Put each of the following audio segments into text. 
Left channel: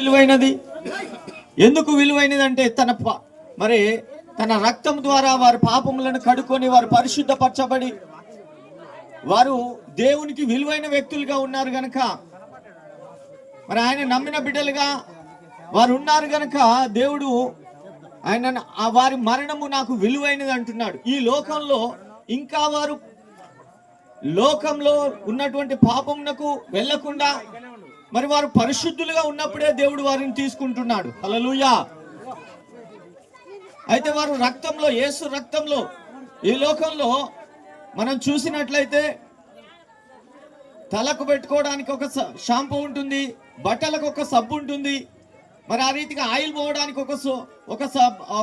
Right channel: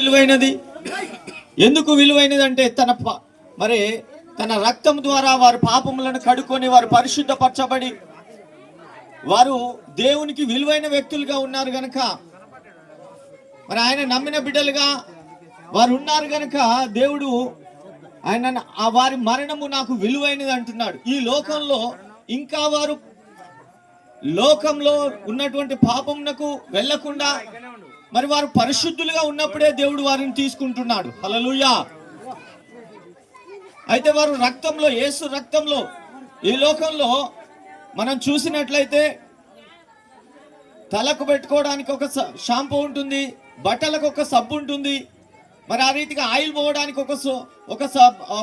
విలువైనది. ఎందుకు విలువైనది అంటే తన రక్తం ద్వారా వారి పాపములను కడుక్కొని వారు పరిశుద్ధపరచబడి వారు దేవునికి విలువైన వ్యక్తులుగా ఉన్నారు గనక, మరి ఆయన నమ్మిన బిడ్డలుగా వారు ఉన్నారు గనక దేవుడు ఆయన వారి మరణము నాకు విలువైనది అంటున్నాడు. ఈ లోకంలో ఇంకా వారు లోకంలో ఉన్నటువంటి పాపమునకు వెళ్లకుండా మరి వారు పరిశుద్ధులుగా ఉన్నప్పుడే దేవుడు వారిని తీసుకుంటున్నాడు. హల్లెలూయా. అయితే వారు రక్తంలో, యేసు రక్తంలో, ఈ లోకంలో మనం చూసినట్లయితే తలకు పెట్టుకోవడానికి ఒక షాంపూ ఉంటుంది, బట్టలకు ఒక సబ్బు ఉంటుంది, మరి ఆ రీతిగా ఆయిల్ పోవడానికి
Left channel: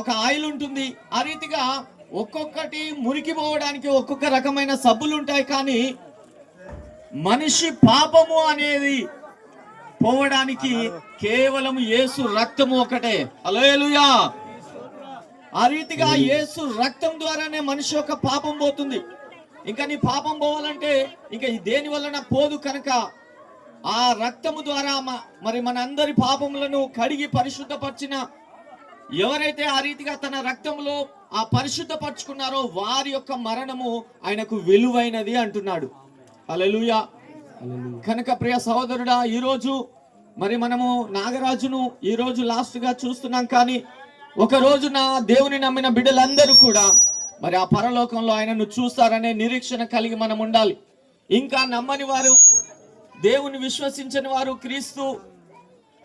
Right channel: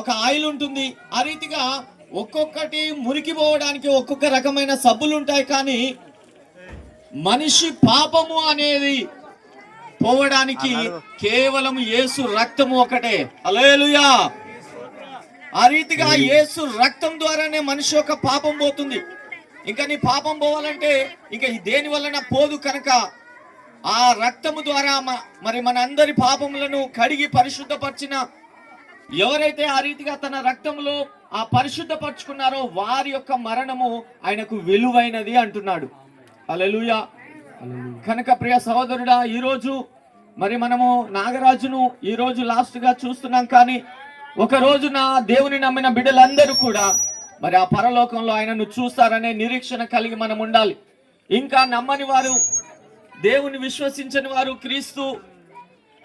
ఒక ఆయిల్ ఉంటుంది. ఆ రీతిగా ఒక్కొక్కటి మురికి పోవడానికి ఒక్కొక్క రకమైన సబ్బులు ఉంటాయి. కానీ మనిషి పాపము అనేది పోవడానికి కేవలం యేసు రక్తము ఒకటే. హల్లెలూయా. ఆ రీతిగా యేసు రక్తం ద్వారానే మనిషి యొక్క పాపం పోతుంది. ఇంకా నీ పాపం పోవాలంటే ఇంకా దేని వలన పోదు కనుక ఆ రక్తము ద్వారా మరి మన అందరి పాపములను కడిగి పరిశుద్ధపరిచిన ఎవరైతే ఆ రీతిగా తన రక్తంలో ఆ పరిశుద్ధపరచుకున్నారో వారి యొక్క మరణము ఆయనకు విలువైనది అంటున్నాడు. హల్లెలూయా. కనుక ప్రియ సహోదరుడా, ఈరోజు మరి మనము నాగరాజును ఈరోజు లాస్ట్ గా చూస్తున్నాం. కానీ ఒక రోజున దేవుని నమ్మిన బిడ్డలందరూ కూడా మరి ఆ పరలోకంలో ఆయనను చూస్తారనే నిరీక్షణ కలిగి మనం ఉండాలి. ఇంకా నమ్మని వారు, దేవుని విశ్వసించని వారు, క్రీస్తు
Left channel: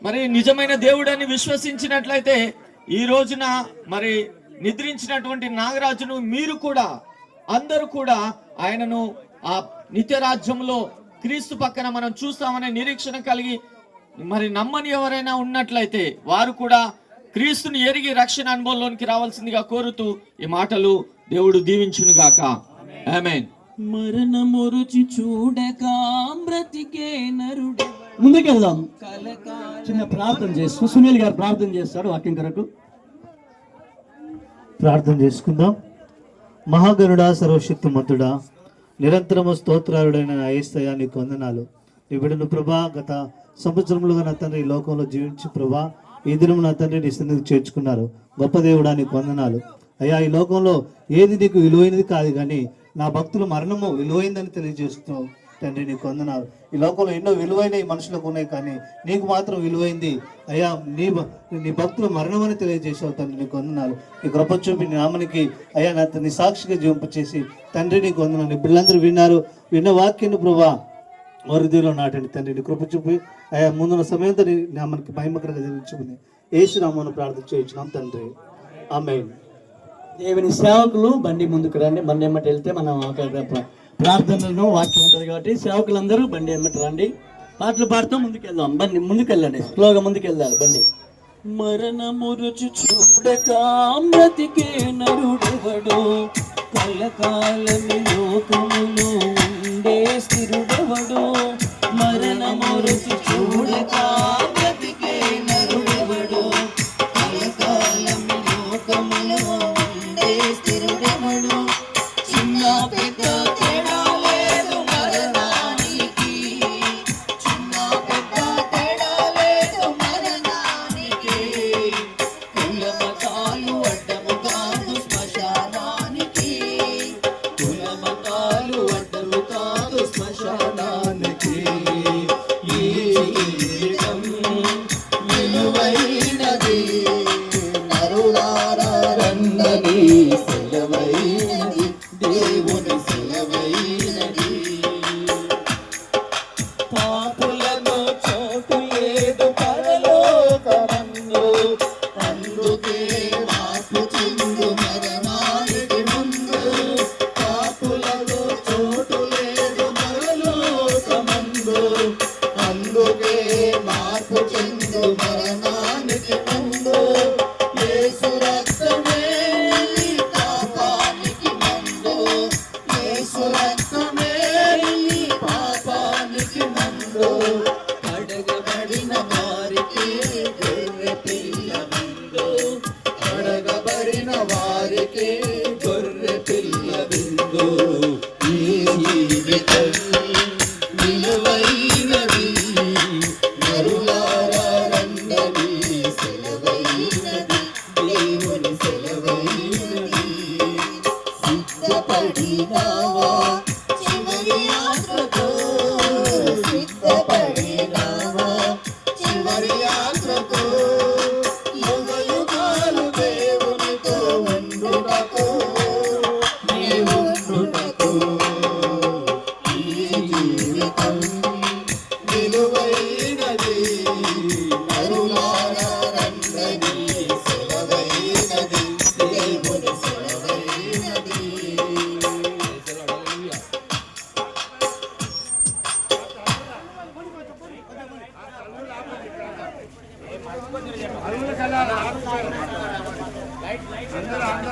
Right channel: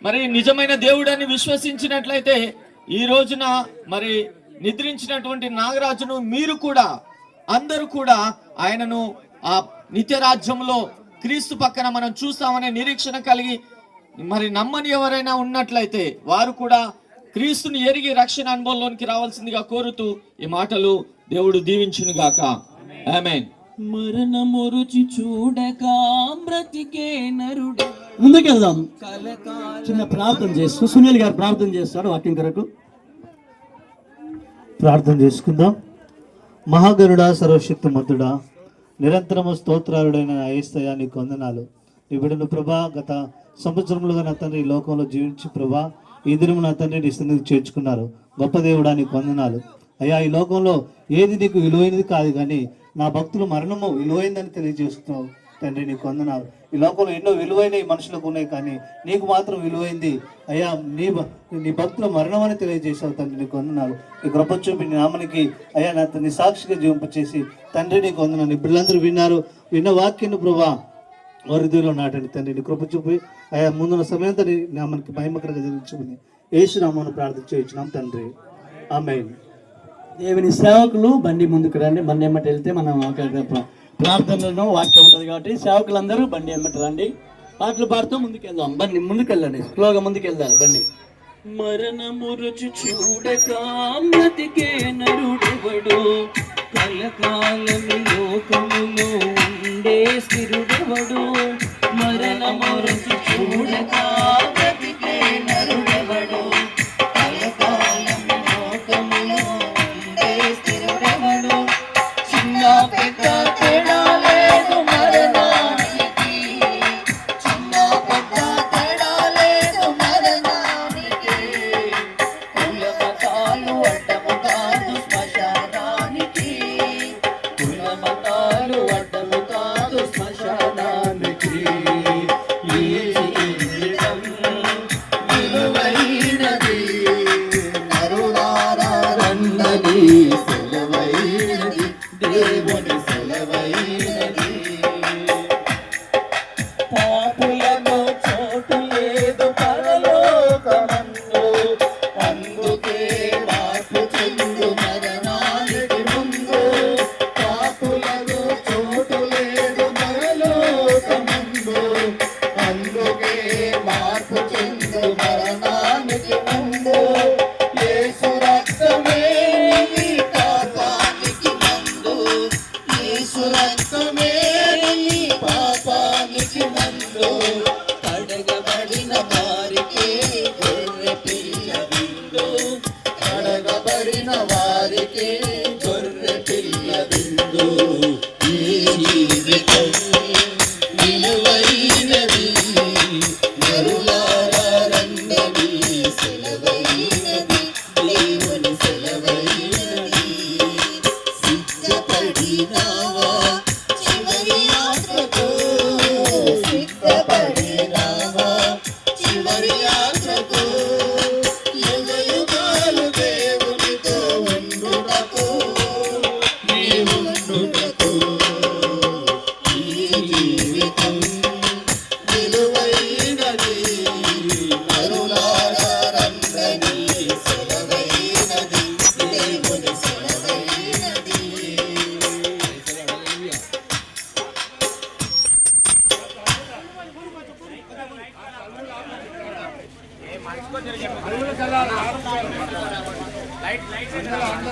మరి నిజమైన దేవుడని విశ్వసించినట్లయితే ఈ రోజున మరి నిద్రించినటువంటి నాగరాజును మీరు కూడా అందరూ కూడా ఆయనను ఆ నిత్య రాజ్యంలో క్రీస్తు పక్కన మనం చూస్తామనే నిరీక్షణ కలిగి మరి నమ్మని ఎవరైనా ఉన్నట్లయితే వారు కూడా క్రీస్తుని ఎరిగి రక్షణ అనుభవంలోనికి రావాల్సిందిగా కోరుతూ ఈ మాటలు దేవుడు దీవించును గాక. ఆమేన్. మరణము రుచి చూడక బ్రతికే నరుడు. ముందుకెళ్దాం. చిన్న ప్రార్థన చేస్తూ సునీల్ గారు ప్రార్థన చేస్తాడు. వాక్యం కొరకు ప్రార్థన చేసుకుందాం. మహాగరుడా, సర్వశక్తిమంతుడా, నిరంతరము స్తోత్రాలుడైన యేసయ్యా నీకు వందనాలు. నీ బిడ్డను ప్రభా గత సంవత్సరములుగా నా తండ్రి ఈ లోకంలో జీవించి ప్రభా ఈ దినము నా తండ్రి నీ స్థితికి చేర్చుకున్నారు. గొప్ప దేవుడా నీకు వందనాలు అయ్యా. ఈ లోకంలో ఏది నీకు విలువైనది కాదు, కానీ నా భక్తుల మరణము విలువైందని తెలియజేస్తున్నావు తండ్రి, నీకు వందనాలు. ఈ లోకంలో ఎన్నో విలువైనవి మనుషులకు ఉన్నాయి, కానీ నీకు మాత్రం విలువైంది అయ్యా. నీ భక్తుల మరణం అని తెలియజేసావు తండ్రి, నీకు వందనాలు. నీ కృప చూపి నీ నామనికి అయ్యా నీ సాక్షిగా జీవింపచేసి తండ్రి నీకు వందనాలు. పిల్లలందరూ విన్న వాక్యాన్ని ప్రభా వారి దీనిలో నాటండి తండ్రి. నీ కృప చూపి అయ్యా ముందున్న సమయంతో నీ నామానికి మహిమకరంగా జరిగించుకుని యేసు నామమున ప్రార్థన చేయించున్నాం తండ్రి. ఆమేన్. దేవుని సేవకులు బండి ముందుకు రండి. బండి ఎమ్మటి వెళ్తే మనం ప్రార్థనలను వాక్యం ఉంటుంది కాబట్టి సేవకులందరూ బండి ఎమ్మటి రండి. పాటలు పాడుతూ ముందుకెళ్దాం. బండి ముందుకెళ్ళండి, స్లోగా ముందుకెళ్ళాలి బండి. మరణము రుచి చూడక బ్రతికే నరుడెవడు, కలకాలము లోకములో ఉండే స్థిరుడెవడు. మరణము రుచి చూడక బ్రతికే నరుడెవడు, కలకాలము లోకములో ఉండే స్థిరుడెవడు. చిన్న పెద్ద తేడా లేదు మరణానికి, చిన్న పెద్ద తేడా లేదు మరణానికి. కుల మతాలు అడ్డము కాదు శ్మశానానికి, కుల మతాలు అడ్డము కాదు శ్మశానానికి. ఈ జీవితం విలువైనది, నరులారా రండి, సెలవైనది, దేవుని సెలవైనది. పాపులను చోటు లేదు పరలోకమందు, అందుకే మార్పు చెందు మరణానికి ముందు. పాపులకు చోటు లేదు పరలోకమందు, అందుకే మార్పు చెందు మరణానికి ముందు. యేసు రక్తమే నీ పాపానికి మందు, యేసు రక్తమే నీ పాపానికి మందు. కడగబడిన వారికి గొర్రె పిల్ల విందు, కడగబడిన వారికి గొర్రె పిల్ల విందు. ఈ జీవితం విలువైనది, నరులారా రండి,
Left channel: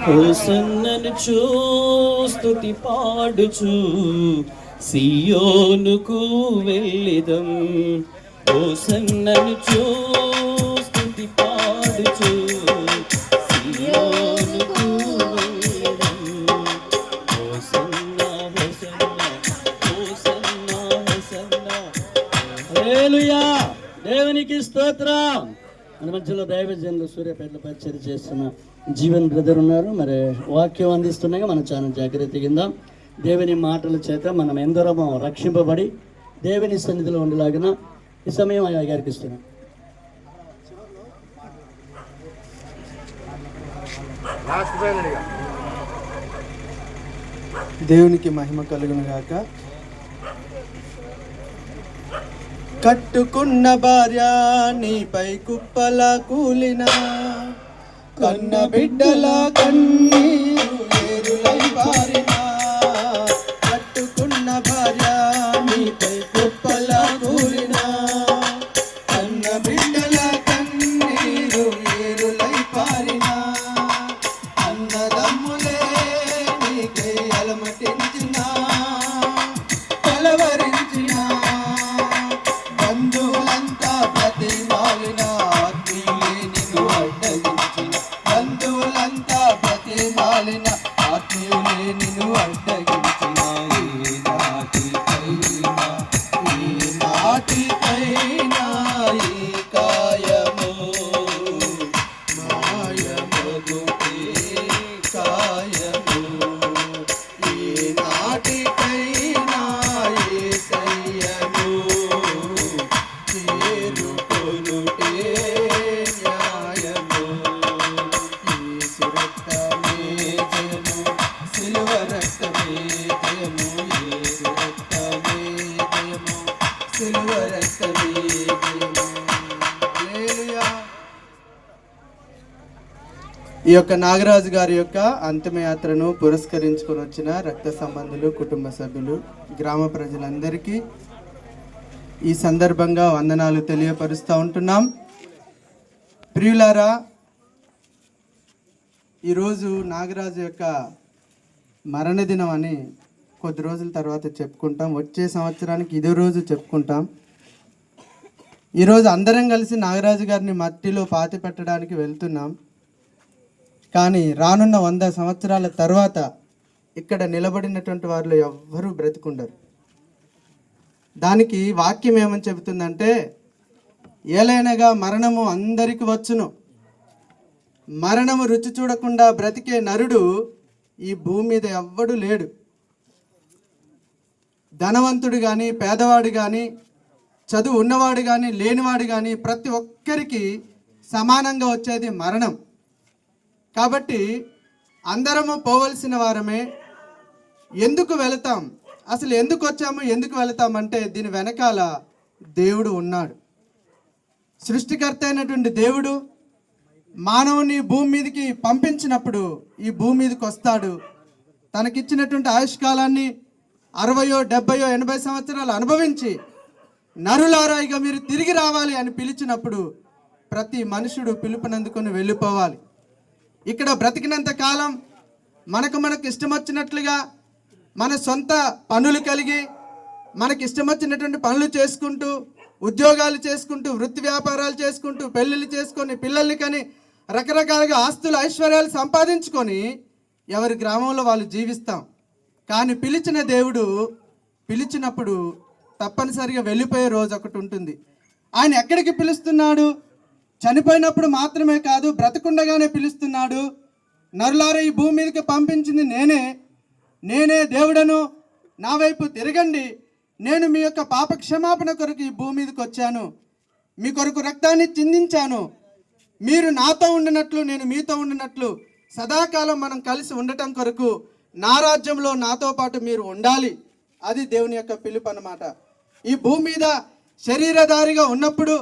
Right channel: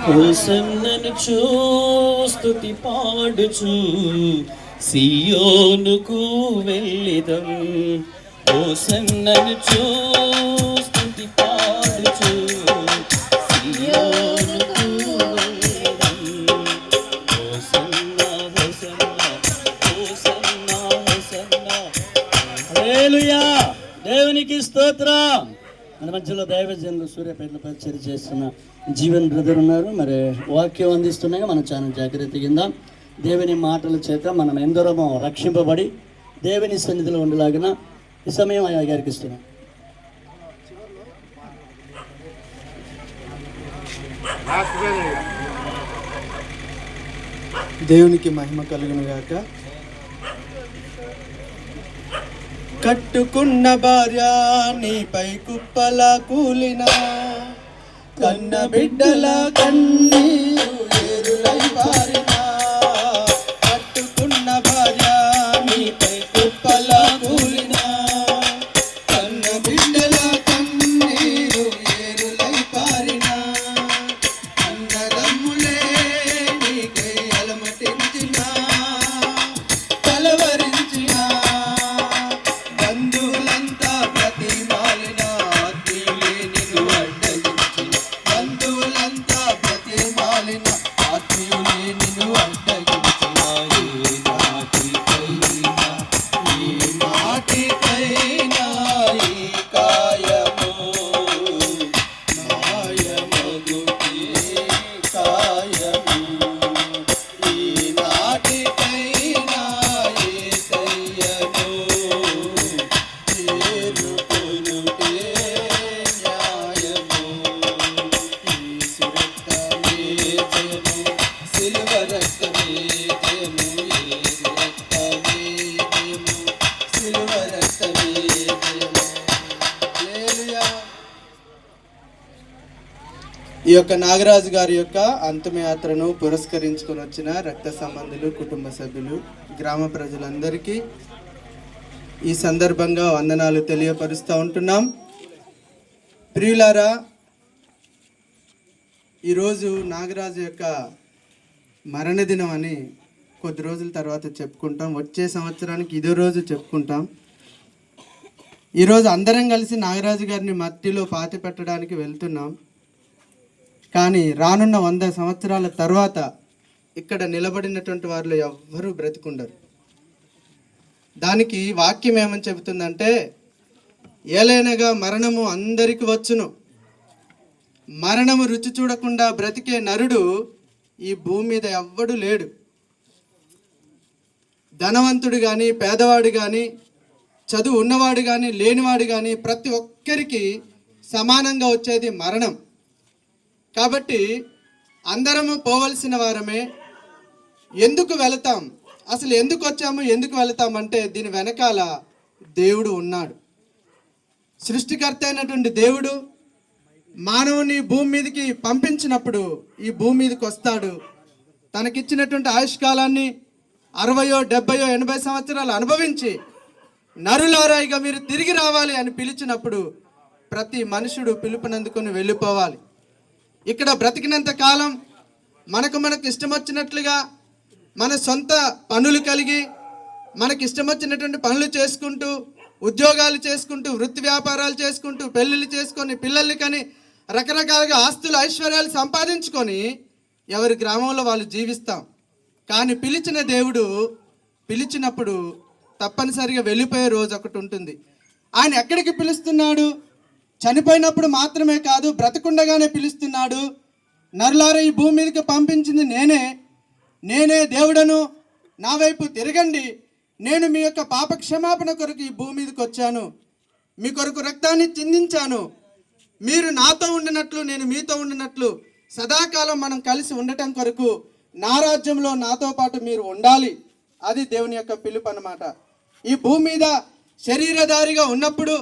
హోసన్నను స్తుతి పాడుచు సియోనుకు వెళ్ళిదం. హోసన్నను స్తుతి పాడుచు సియోనుకు వెళ్ళిదం. హోసన్నా హోసన్నా హోసన్నా హోసన్నా. హల్లెలూయా, దేవునికి స్తోత్రం. మన మధ్యలో దైవజనులు సూర్యాపేటలో పరిచయం చేస్తున్న జీవన్ బ్రదర్ ఉన్నారు. మరి వాక్యం అందిస్తున్నాగా మన చాలా జాగ్రత్త కింద దేవుని మాటల చేత మనం ఎందరమో రక్షింపబడి దేవుని సన్నిధిలో ఉండేలాగిన ఈ సమయం ఆయా గారికి ఇస్తున్నాం. దేవునికి మహిమ కలుగును గాక. కట్టుకున్న భార్య నీపై కుప్పల కూలిన, కన్న బిడ్డల కన్నీరు ఏరులై పారిన. కట్టుకున్న భార్య నీపై కుప్పల కూలిన, కన్న బిడ్డల కన్నీరు ఏరులై పారిన. అన్నదమ్ములే నీకై అలమటించిన, కలవరించిన, బంధువులంతా ప్రతిమాలిన, ఆత్మీయులే నిన్ను అడ్డగించిన. బంధువులంతా ప్రతిమాలిన, ఆత్మీయులే నిన్ను అడ్డగించిన. ఏ నాటికైనా ఈ కాయము మాయమగుతే కాయము. ఈ నాటికైనా యేసయ్యను చేరుకొనుటే న్యాయము. యేసు రక్తమే జయము, సిలువ రక్తమే జయము. యేసు రక్తమే జయము, సిలువ రక్తమే జయము. హల్లెలూయా. ఈ యొక్క నాగరాజు గారి యొక్క అంతిమయాత్రను పురస్కరించుకొని వచ్చిన రక్త సంబంధులు, కుటుంబ సభ్యులు, గ్రామ ప్రజలందరికీ ఈ సందర్భంగా వందనాలు తెలియపరుస్తూ ఉంటున్నాం. ప్రియులారా, ఈరోజు నాగరాజు యొక్క మరణదినం అని కొద్ది రోజుల తర్వాత చెప్పుకుంటాం. వచ్చే సంవత్సరానికి ఇదే రోజు చెప్పుకుంటాం. ఈరోజు అందరం కలిసి నాగరాజు గారిని మట్టిలో పాతి పెట్టడానికి వెళ్తున్నాం. కానీ రానున్న 100 సంవత్సరాల తర్వాత ఇక్కడ నిలబడినటువంటి వారిలో ఎవ్వరూ బ్రతికుండరు. దానికి వాక్యం ఏమని చెబుతుందంటే, ఏలైనగా మరణము అందరికి వచ్చును, మరణము రుచి చూడకుండా బ్రతికే నరుడు ఈ భూమి మీద ఎవ్వడు లేడు. ధనవంతుడు కానీ, పేదవాడు కానీ, చదువు ఉన్నవాడు కానీ, లేనివాడు కానీ, ప్రతి ఒక్కరికి సమానంగా వచ్చేది మరణం. కాబట్టి అందరము పోవలసిన వారమే. ఎందుకు వెళతాం, అసలు ఎందుకు వచ్చాము, ఎందుకు వెళతామంటే దీని వెనకాల దేవుడు ఉన్నాడు. సృష్టికర్త అయినటువంటి దేవుడు మానవుని భూమి మీదకి పంపించినప్పుడు ఈ భూమి మీదకి వస్తాడు. తనకిచ్చినటువంటి ఆయుష్కాలాన్ని 60, 70, 80 సంవత్సరాలు అనుభవించి నరులారా ఇక మీరు తిరిగి రావాలి అని పిలిచినప్పుడు ప్రతి మనుషుడు పిలుపునందుకొని వెళ్ళిపోవాలి. ఇక్కడ బ్రతికినంత కాలం మనకు ఇష్టం వచ్చినట్లుగా మన సొంత పనులు కలిగి మనకి ఇష్టం వచ్చినటువంటి పనులు చేసుకుంటూ, ఉద్యోగాలు చేసుకుంటూ, వృత్తి వ్యాపారాలు చేసుకుంటూ, పెళ్ళిళ్ళు చేసుకొని, పిల్లల్ని కని, రకరకాలుగా ఆస్తులు ఐశ్వర్యాలు సంపాదించుకొని ఎవరి గ్రామంలో వాళ్ళు జీవిస్తాం. కానీ పిలిచిన దేవుడు పిలిచినప్పుడు తప్పనిసరిగా వెళ్ళిపోయే రోజు ఒకటి ఉంటుంది. ఆయన ఎక్కడికి పిలుస్తున్నాడు? చనిపోయినప్పుడు మాత్రమే కాదు, బ్రతకుండగానే పిలుస్తున్నాడు. నరులారా ఈ భూమి మీదకి పంపించింది నేనే దేవుడను, నా వైపు తిరగండి, నేను మీ యొక్క పాప క్షమాపణ కొరకు ఈ భూమి మీదకి వచ్చాను, మీ కొరకు రక్తాన్ని చిందించాను, మీరు నాతో ఉండినట్లు నేను మీతో ఉండినట్లు సదాకాలం మనం కలిసి ఉండటం కొరకు నా రాజ్యంలో నాతో పాటు మీరు ఉండాలి. అది దేవుని యొక్క పిలుపు అన్నమాట. ఈ భూమి మీద శరీరధారిగా ఉన్నప్పుడు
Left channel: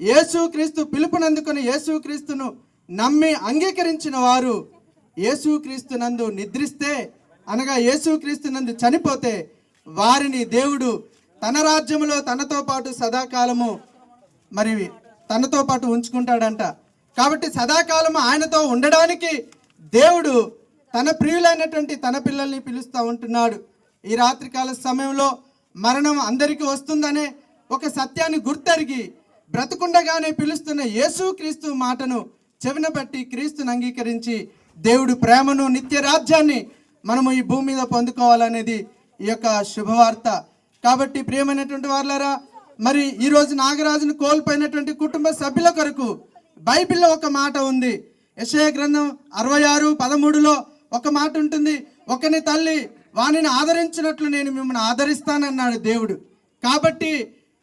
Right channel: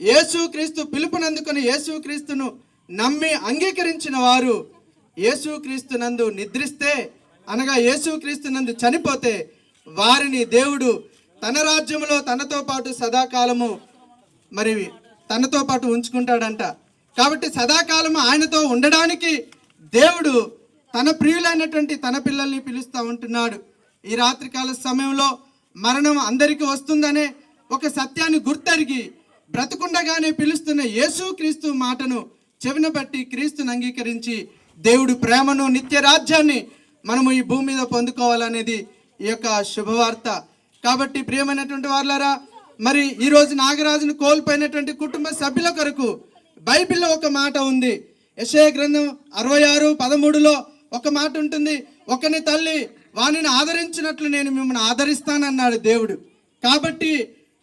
యేసుక్రీస్తు పిలుపునందుకొని యేసుక్రీస్తును నమ్మి అంగీకరించిన వారు యేసుక్రీస్తునందు నిద్రిస్తే, అనగా యేసుక్రీస్తునందు చనిపోతే వారిని దేవుడు తన రాజ్యంలో తనతో పాటు సదాకాలము మరి తనతో పాటు ఉంచుకుంటాడంట. కాబట్టి సదాకాలం ఆయనతో ఉండడానికి దేవుడు తన ప్రియులైనటువంటి తన పిల్లల్ని పిలుస్తూ ఉంటున్నాడు. ఈ రాత్రికాల సమయంలో మరణం అందరికీ వస్తుందనే ఒక సత్యాన్ని గుర్తెరిగి బ్రతుకుండగానే పిలుస్తున్న యేసుక్రీస్తు మాటను చెవిన బట్టి క్రీస్తుని అంగీకరించి దేవుడి ప్రేమను నిత్య రాజ్యాన్ని మనము ఈ భూమి మీద పొందుకోవాలనేది ఈ యొక్క శుభవార్త. కాబట్టి ప్రియమైనటువంటి వారులారా, మరి ఈరోజు నాగరాజును కోల్పోయినటువంటి కుటుంబ సభ్యుల కొరకు బైబిల్లో ఒక మాట ఉంది. యెషయా గ్రంథం 66:13లో ఒక మాట ఉంటుంది, ఒకని తల్లి వానిని ఆదరించినట్లు నేను మిమ్మల్ని ఆదరిస్తానన్నాడు దేవుడు. కాబట్టి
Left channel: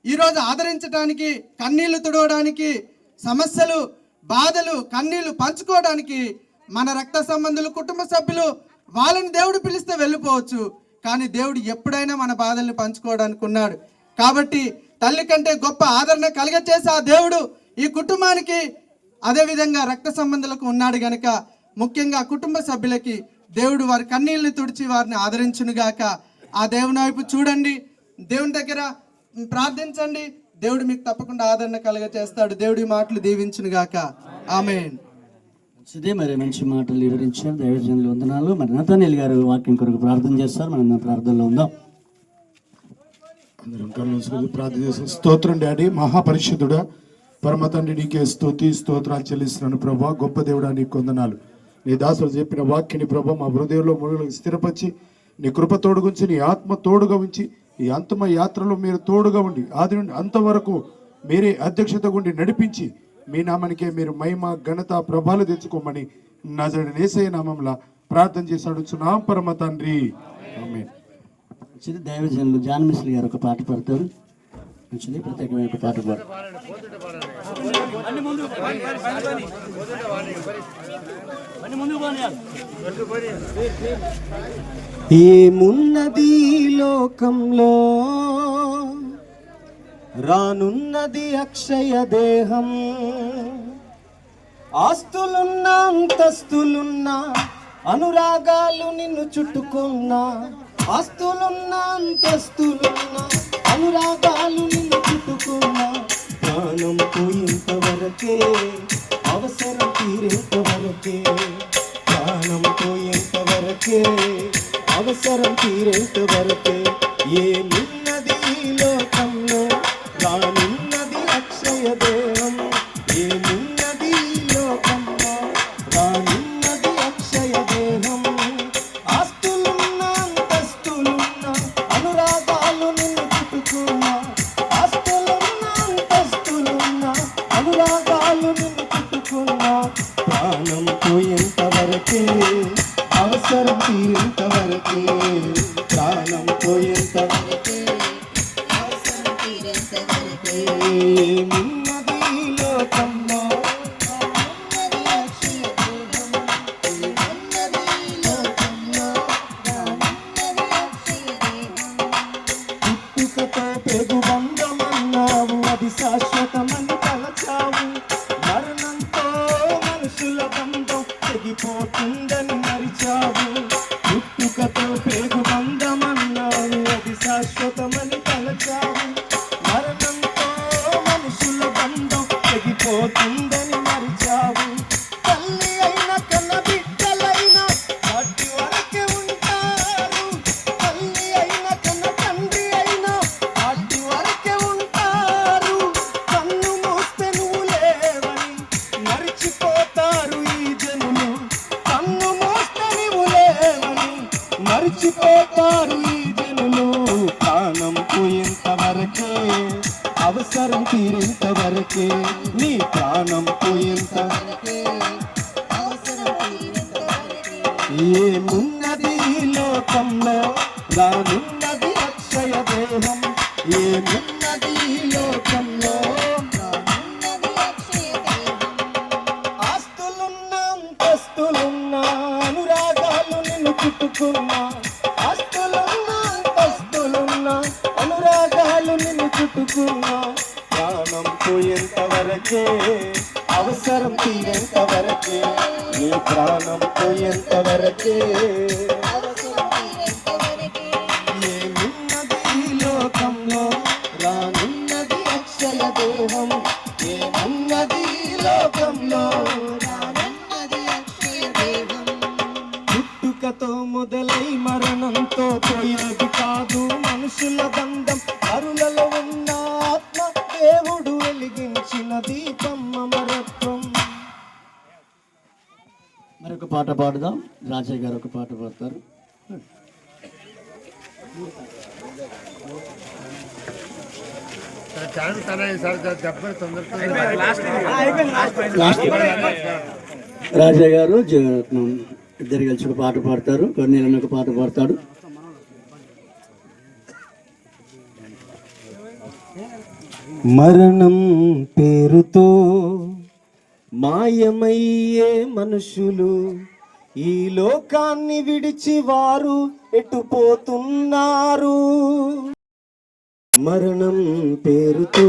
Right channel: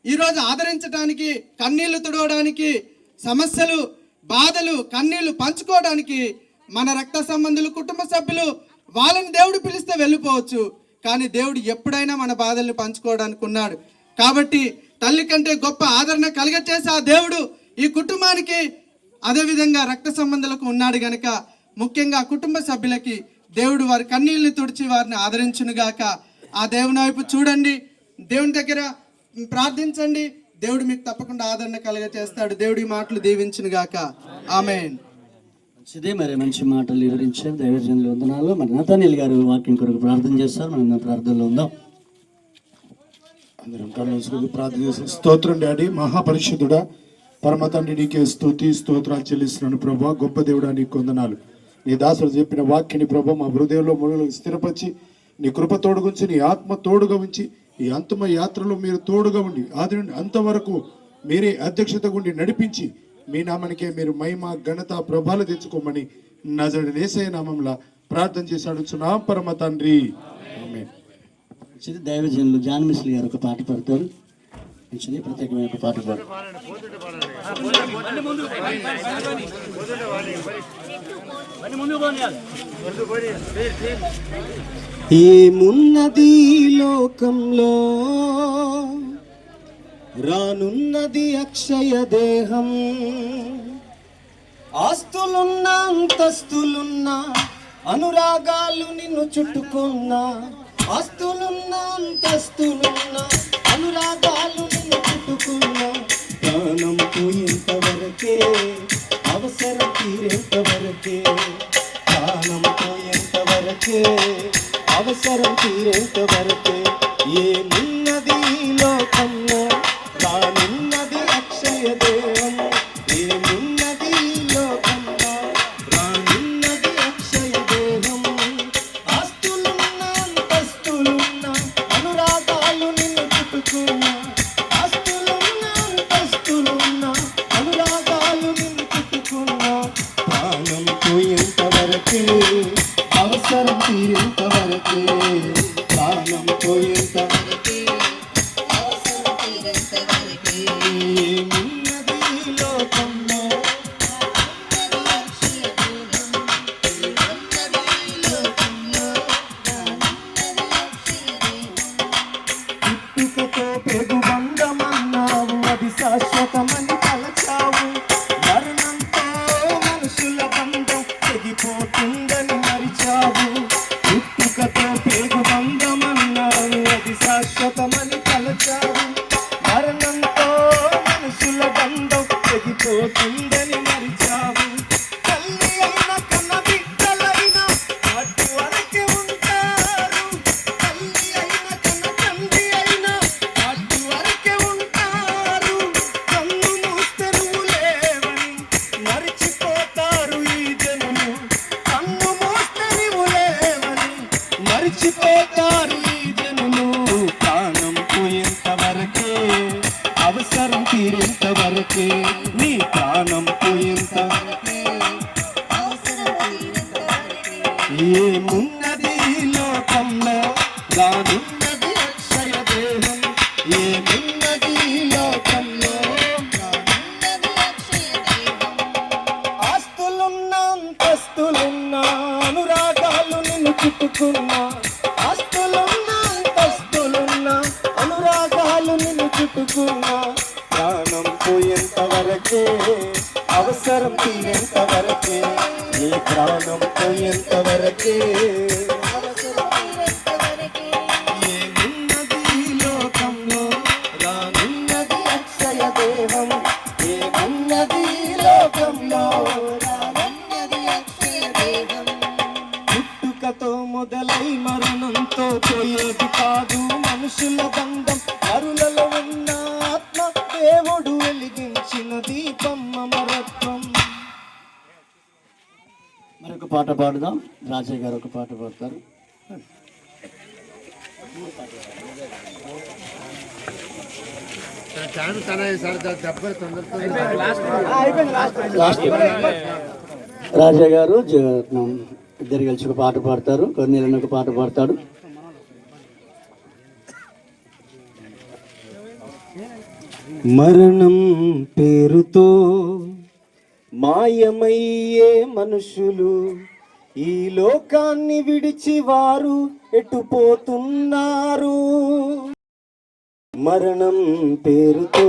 ఈరోజు ఆదరించడానికి, కన్నీళ్లు తుడవడానికి, సమస్యలు, బాధలు, కన్నీళ్లు పంచుకోవడానికి మన రక్త సంబంధులు, కుటుంబ సభ్యులు, వాళ్ళని దేవుడు పిలిస్తే వెళ్ళిపోవచ్చు. కానీ దేవుడు ఎప్పుడైనా మన బాధల్ని పంచుకోవడానికి ఉన్నాడు. కాబట్టి తల్లి కంటే గొప్ప ఆదరణ కలిగచేసి ఆ దేవుడు ఈ కుటుంబానికి, అదేవిధంగా రక్త సంబంధులకు ఉన్నాడు గనక ముఖ్యంగా కుటుంబ సభ్యులకి దేవుడు వారి కన్నీళ్ళని తుడిచి వారిని ఆదరించునుగాక. ఆ దేవుని వైపు చూడండి, దేవుని దగ్గర ప్రార్థించండి, దేవుడు మీకు తప్పకుండా ఆదరణ కలుగచేస్తాడు. దేవుడి మాటలు దీవించునుగాక. ఆమేన్. మంచిది, మరి మంచి మాటలు వివరించారు దైవజనులు. వందనాలు. మరి నతానీల్ గారు వాక్యం కొరకు ప్రార్థన చేస్తారు. మనం ప్రార్థనలో ఉందాం. అందరం కళ్ళు మూసుకొని ప్రార్థన చేస్తాం. స్తోత్రం డాడీ, మహాపరిశుద్ధుడా, పరమ తండ్రి, నీకే స్తుతి స్తోత్రాలు చెల్లిస్తున్నాను ప్రభా. గొప్ప దేవుడా, నీకు వందనాలు. నీ దాసుడు చెప్పిన వాక్యాన్ని ప్రభా మా హృదయంలో మొదలు స్థిరపరిచి నీ కృప తోడుగుంచి, నీ ఆత్మ తోడుగా ఉంచి, ఈ అంతిమ యాత్రలో మీరు తోడుగా ఉండి ఆది నుండి అంతవరకు మీరే అధ్యక్షత ఉండి నడిపించి మీ నామానికే మీరు మహిమ ఘనత ప్రభాలు తెచ్చుకోమని నజరేయుడైన యేసయ్య నామములో ప్రార్థన చేసి అడుగుచున్నాం పరమ తండ్రి. ఆమేన్. మంచిది, దైవజనులు జాన్ మిస్లీ గారు ఒక పాట పాడతారు. మంచిది, ప్రత్యేకమైన ఒక పాట పాడు. ఏమున్నది లోకంలో, రానున్నది అక్షయ దేహం. ఆస్తులున్నా అంతస్తులున్నా, అనురాగాలు నిన్ను చుట్టుకున్నా. ఆస్తులున్నా అంతస్తులున్నా, అనురాగాలు నిన్ను చుట్టుకున్నా. ప్రాణం పోయేంతవరకే, అవసరం తీరేంతవరకే. ప్రాణం పోయేంతవరకే, అవసరం తీరేంతవరకే. ఏమున్నది లోకంలో, రానున్నది అక్షయ దేహం. ఏమున్నది లోకంలో, రానున్నది అక్షయ దేహం. ఆస్తులున్నా అంతస్తులున్నా, అనురాగాలు నిన్ను చుట్టుకున్నా. ఆస్తులున్నా అంతస్తులున్నా, అనురాగాలు నిన్ను చుట్టుకున్నా. ప్రాణం పోయేంతవరకే, అవసరం తీరేంతవరకే. ప్రాణం పోయేంతవరకే, అవసరం తీరేంతవరకే. ఏమున్నది లోకంలో, పుట్టుకతో పెగు బంధమన్నావు, అది శాశ్వతమని తలచావు. మరణంతో మనుషుల బంధం తెగిపోతుందని మరిచావు. పుట్టుకతో పెగు బంధమన్నావు, అది శాశ్వతమని తలచావు. మరణంతో మనుషుల బంధం తెగిపోతుందని మరిచావు. తల్లి అయిన కన్న బిడ్డలైనా వాటి వరకే ఉంటారు. తల్లి అయిన కన్న తండ్రి అయినా వాటి వరకే ఉంటారు. కన్ను మూస్తే నువ్వు లేవని మరిచిపోతారు ఈ జనులు. కన్ను మూస్తే నువ్వు లేవని మరిచిపోతారు ఈ జనులు. ప్రాణం పోయేంతవరకే, అవసరం తీరేంతవరకే. నీ ప్రాణం పోయేంతవరకే, అవసరం తీరేంతవరకే. ఏమున్నది లోకంలో, రానున్నది అక్షయ దేహం. ఏమున్నది లోకంలో, రానున్నది అక్షయ దేహం. ఆస్తులున్నా అంతస్తులున్నా, అనురాగాలు నిన్ను చుట్టుకున్నా. ఆస్తులున్నా అంతస్తులున్నా, అనురాగాలు నిన్ను చుట్టుకున్నా. ప్రాణం పోయేంతవరకే, అవసరం తీరేంతవరకే. నీ ప్రాణం పోయేంతవరకే, అవసరం తీరేంతవరకే. ఏమున్నది లోకంలో, రానున్నది అక్షయ దేహం. ఏమున్నది లోకంలో రానున్నది అక్షయ దేహం. పుట్టుకతో మొదలై మరణంతో పోయేది కాదు మనుషుల బంధం. అరులలో ఉన్న ఆత్మ దేవుడు వెలిగించిన దీపం అమరత్వం. మరొక పాట పాడుదాం. రాజయ్య గారు ఒక పాట పాడతారు. రాజయ్య గారు ఇద్దరు కలిసి ఒక పాట పాడతారు. కొన్నేళ్ళని ఒక పాట పాడతాడు. మరణం పేరుతో మాయమయ్యే మనుషులు ఈ లోకాన్ని విడిచి వారు ఎటుపోతున్నారు. మరణం పేరుతో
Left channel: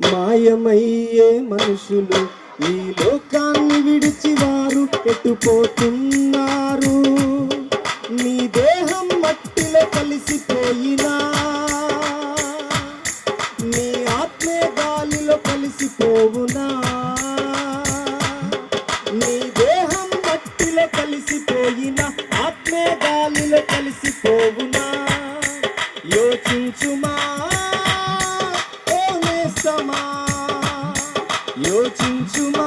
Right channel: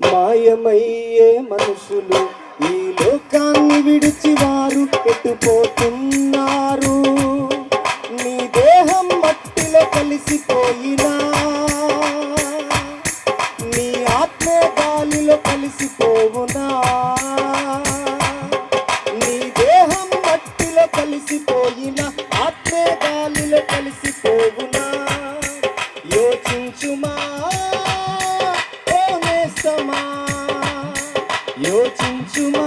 మాయమయ్యే మనుషులు ఈ లోకాన్ని విడిచి వారు ఎటుపోతున్నారు. నీ దేహం మట్టిలో కలిసిపోయినా నీ ఆత్మే గాలిలో కలిసిపోవునా. నీ దేహం మట్టిలో కలిసిపోయినా ఆత్మే గాలిలో కలిసిపోవునా. యోచించుమా ఓ నేస్తమా, యోచించుమా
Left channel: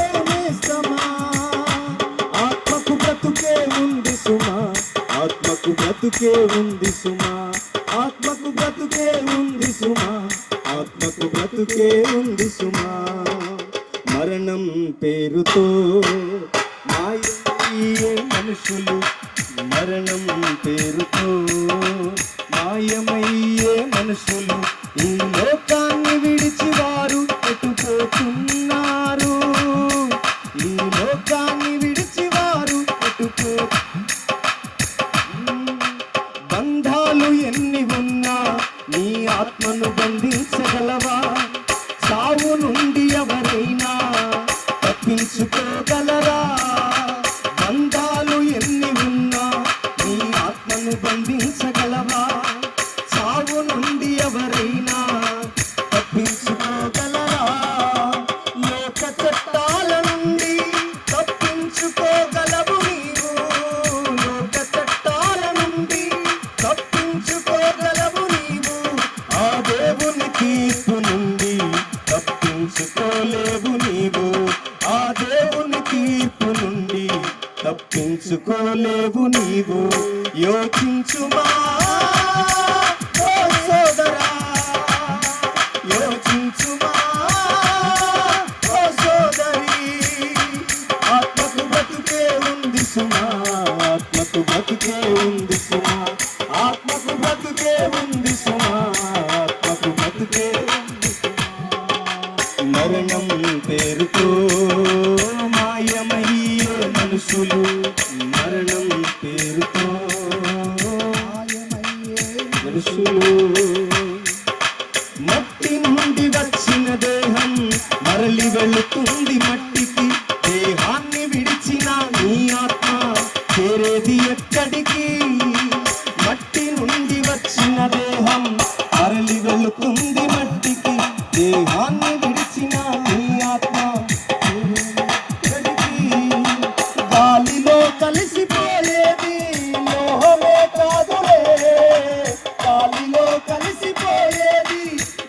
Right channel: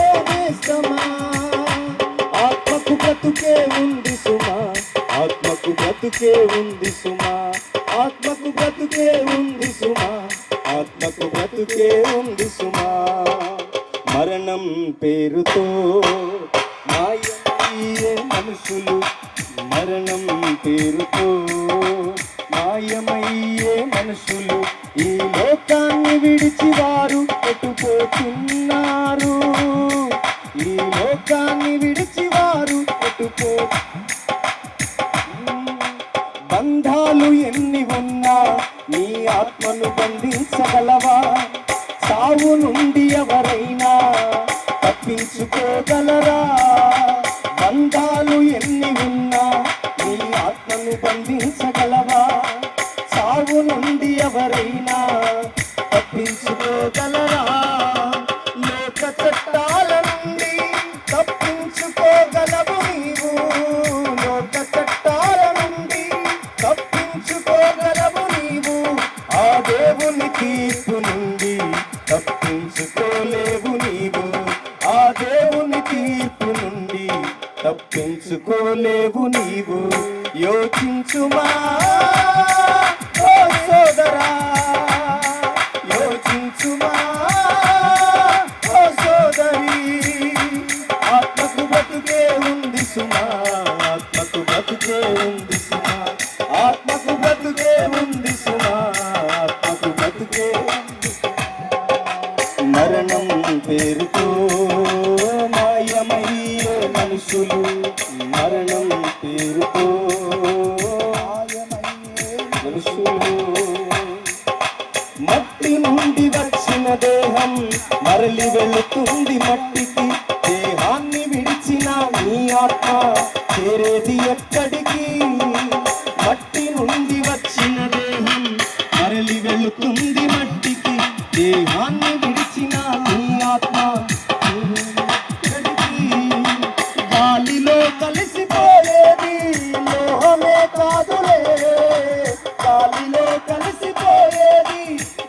ఓ నేస్తమా. ఆత్మకు బ్రతుకే ఉంది సుమా, ఆత్మకు బ్రతుకే ఉంది సుమా, ఆత్మకు బ్రతుకే ఉంది సుమా, ఆత్మకు బ్రతుకే ఉంది సుమా. మరణం పేరుతో మాయమయ్యే మనుషులు, మరణం పేరుతో మాయమయ్యే మనుషులు ఈ లోకాన్ని విడిచి వారు ఎటుపోతున్నారు. ఈ లోకాన్ని విడిచి వారు బంధాలు ఎన్ని ఉన్నా నీ ఆత్మను బంధించగలవా. సావు నుండి ఎవరైనా తప్పించుకోగలరా. బంధాలు ఎన్ని ఉన్నా నీ ఆత్మను బంధించగలవా. సావు నుండి ఎవరైనా తప్పించుకోగలరా. లోక చట్టాల నుండి తప్పించుకోగలవు నీవు. లోక చట్టాల నుండి తప్పించుకోగలవు నీవు. ఆ దేవుని తీర్పు నుండి తప్పించుకోలేవు నీవు. ఆ దేవుని తీర్పు నుండి తప్పించుకోలేవు నీవు. యోచించుమా ఓ సోదరా, యోచించుమా ఓ సోదరి. ఆత్మకు బ్రతుకే ఉంది సుమా, ఆత్మకు బ్రతుకే ఉంది సుమా, ఆత్మకు బ్రతుకే ఉంది సుమా, ఆత్మకు బ్రతుకే ఉంది సుమా. మరణం పేరుతో మాయమయ్యే మనుషులు, మరణం పేరుతో మాయమయ్యే మనుషులు. మట్టి నుండి వచ్చిన దేహం మరలి వెళుతుంది మట్టికి. దేహాన్ని విడిచిన నీ ఆత్మ చేరేది ఎక్కడికి. మట్టి నుండి వచ్చిన దేహం మరలి వెళుతుంది మట్టికి. దేహాన్ని విడిచిన నీ ఆత్మ గాలిలో కలిసిపోయేది లోహమే కాదులే. గాలిలో కలిసిపోయేది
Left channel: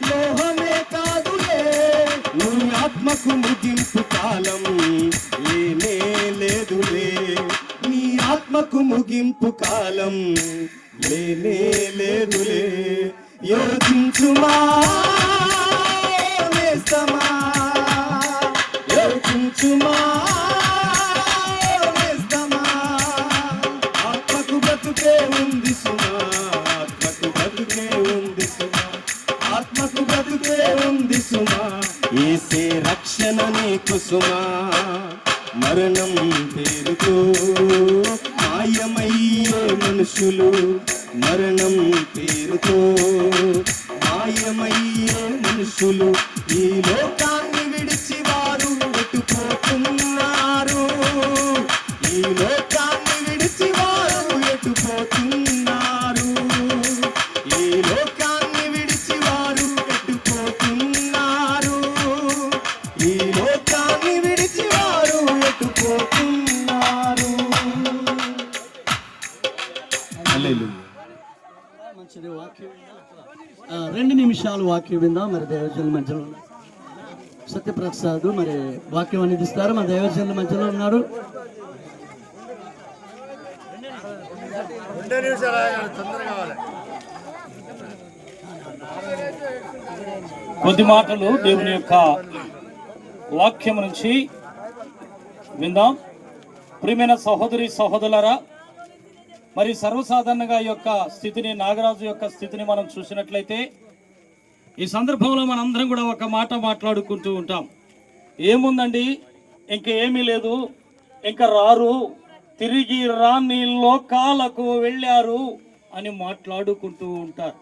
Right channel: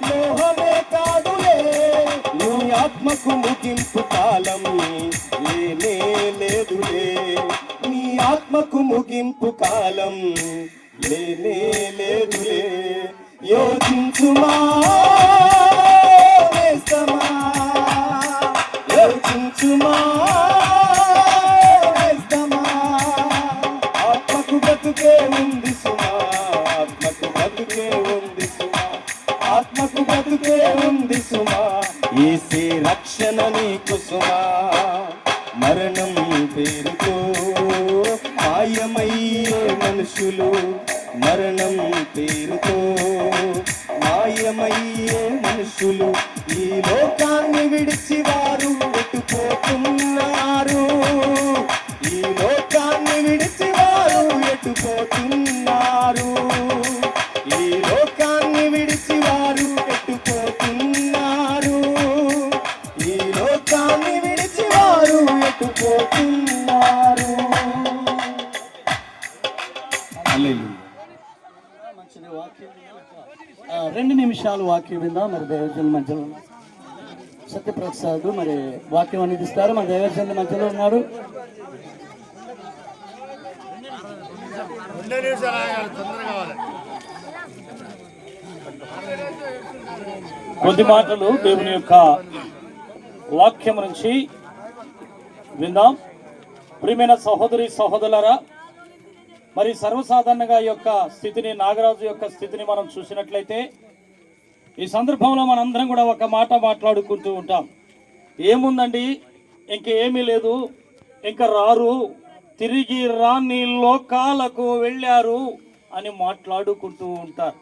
లోహమే కాదులే. నీ ఆత్మకు ముగింపు కాలం లేనే లేదులే. నీ ఆత్మకు ముగింపు కాలం లేనే లేదులే. యోచించుమా నేస్తమా, యోచించుమా నేస్తమా. ఆత్మకు బ్రతుకే ఉంది సుమా, ఆత్మకు బ్రతుకే ఉంది సుమా, ఆత్మకు బ్రతుకే ఉంది సుమా. యేసే రక్షణ నీకు సుమా. మరణం పేరుతో మాయమయ్యే మనుషులు, మరణం పేరుతో మాయమయ్యే మనుషులు ఈ లోకాన్ని విడిచి వారు ఎటుపోతున్నారు. ఈ లోకాన్ని విడిచి వారు ఎటుపోతున్నారు. ఈ లోకాన్ని విడిచి వారు ఎటుపోతున్నారు. నిమిషాలు వాక్యం విందాం. మరి దైవజనుల మధ్యలో ఉన్నారు సత్యప్రసాద్, మరి వాక్యం అందిస్తారు. మన దైవజనుల మధ్యలో ఉన్నాడు. కొద్ది మాటలు దేవుని యొక్క వాక్యం నుంచి విందాం. ప్రియమైన సహోదరి సహోదరులారా, మరి సర్వసాధారణంగా ఈ యొక్క స్థితిని, నాగరాజు యొక్క స్థితిని మనం చూసినట్లయితే ఈ సందర్భంలో మనందరం కూడా ఒక మాట మాట్లాడుకుంటూ ఉంటాం. ఏముందండి, ఇంకేమీ లేదు, ఇంకా రారు, తిరిగి రాని లోకాలకు వెళ్ళారు అని మాట్లాడుకుంటూ ఉంటారు.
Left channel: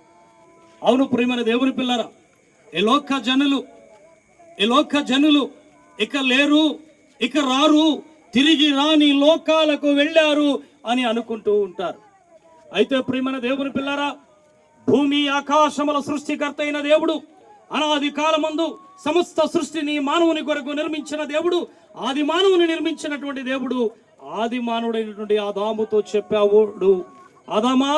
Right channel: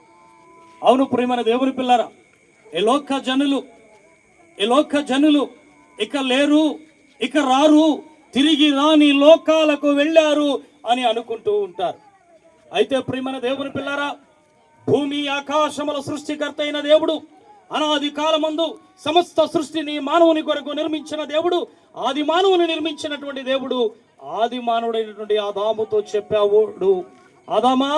అవును ప్రియమైన దేవుని పిల్లరా, ఈ లోక జనులు ఇక లేరు, ఇక రారు, తిరిగి రాని లోకాలకు వెళ్ళారు అని అనుకుంటూ ఉంటారు. అయితే ప్రియమైన దేవుని పిల్లరా, భూమి ఆకాశముల సృష్టికర్త అయిన దేవుడు, అనాది కాలమందు సమస్త సృష్టిని మానవుని కొరకు నిర్మించిన దేవుడు, ఆది మానవుని నిర్మించినటువంటి దేవుడు, ఆది మానవుడైనటువంటి ఆదాముతో చెప్పాడు, ఆదామా,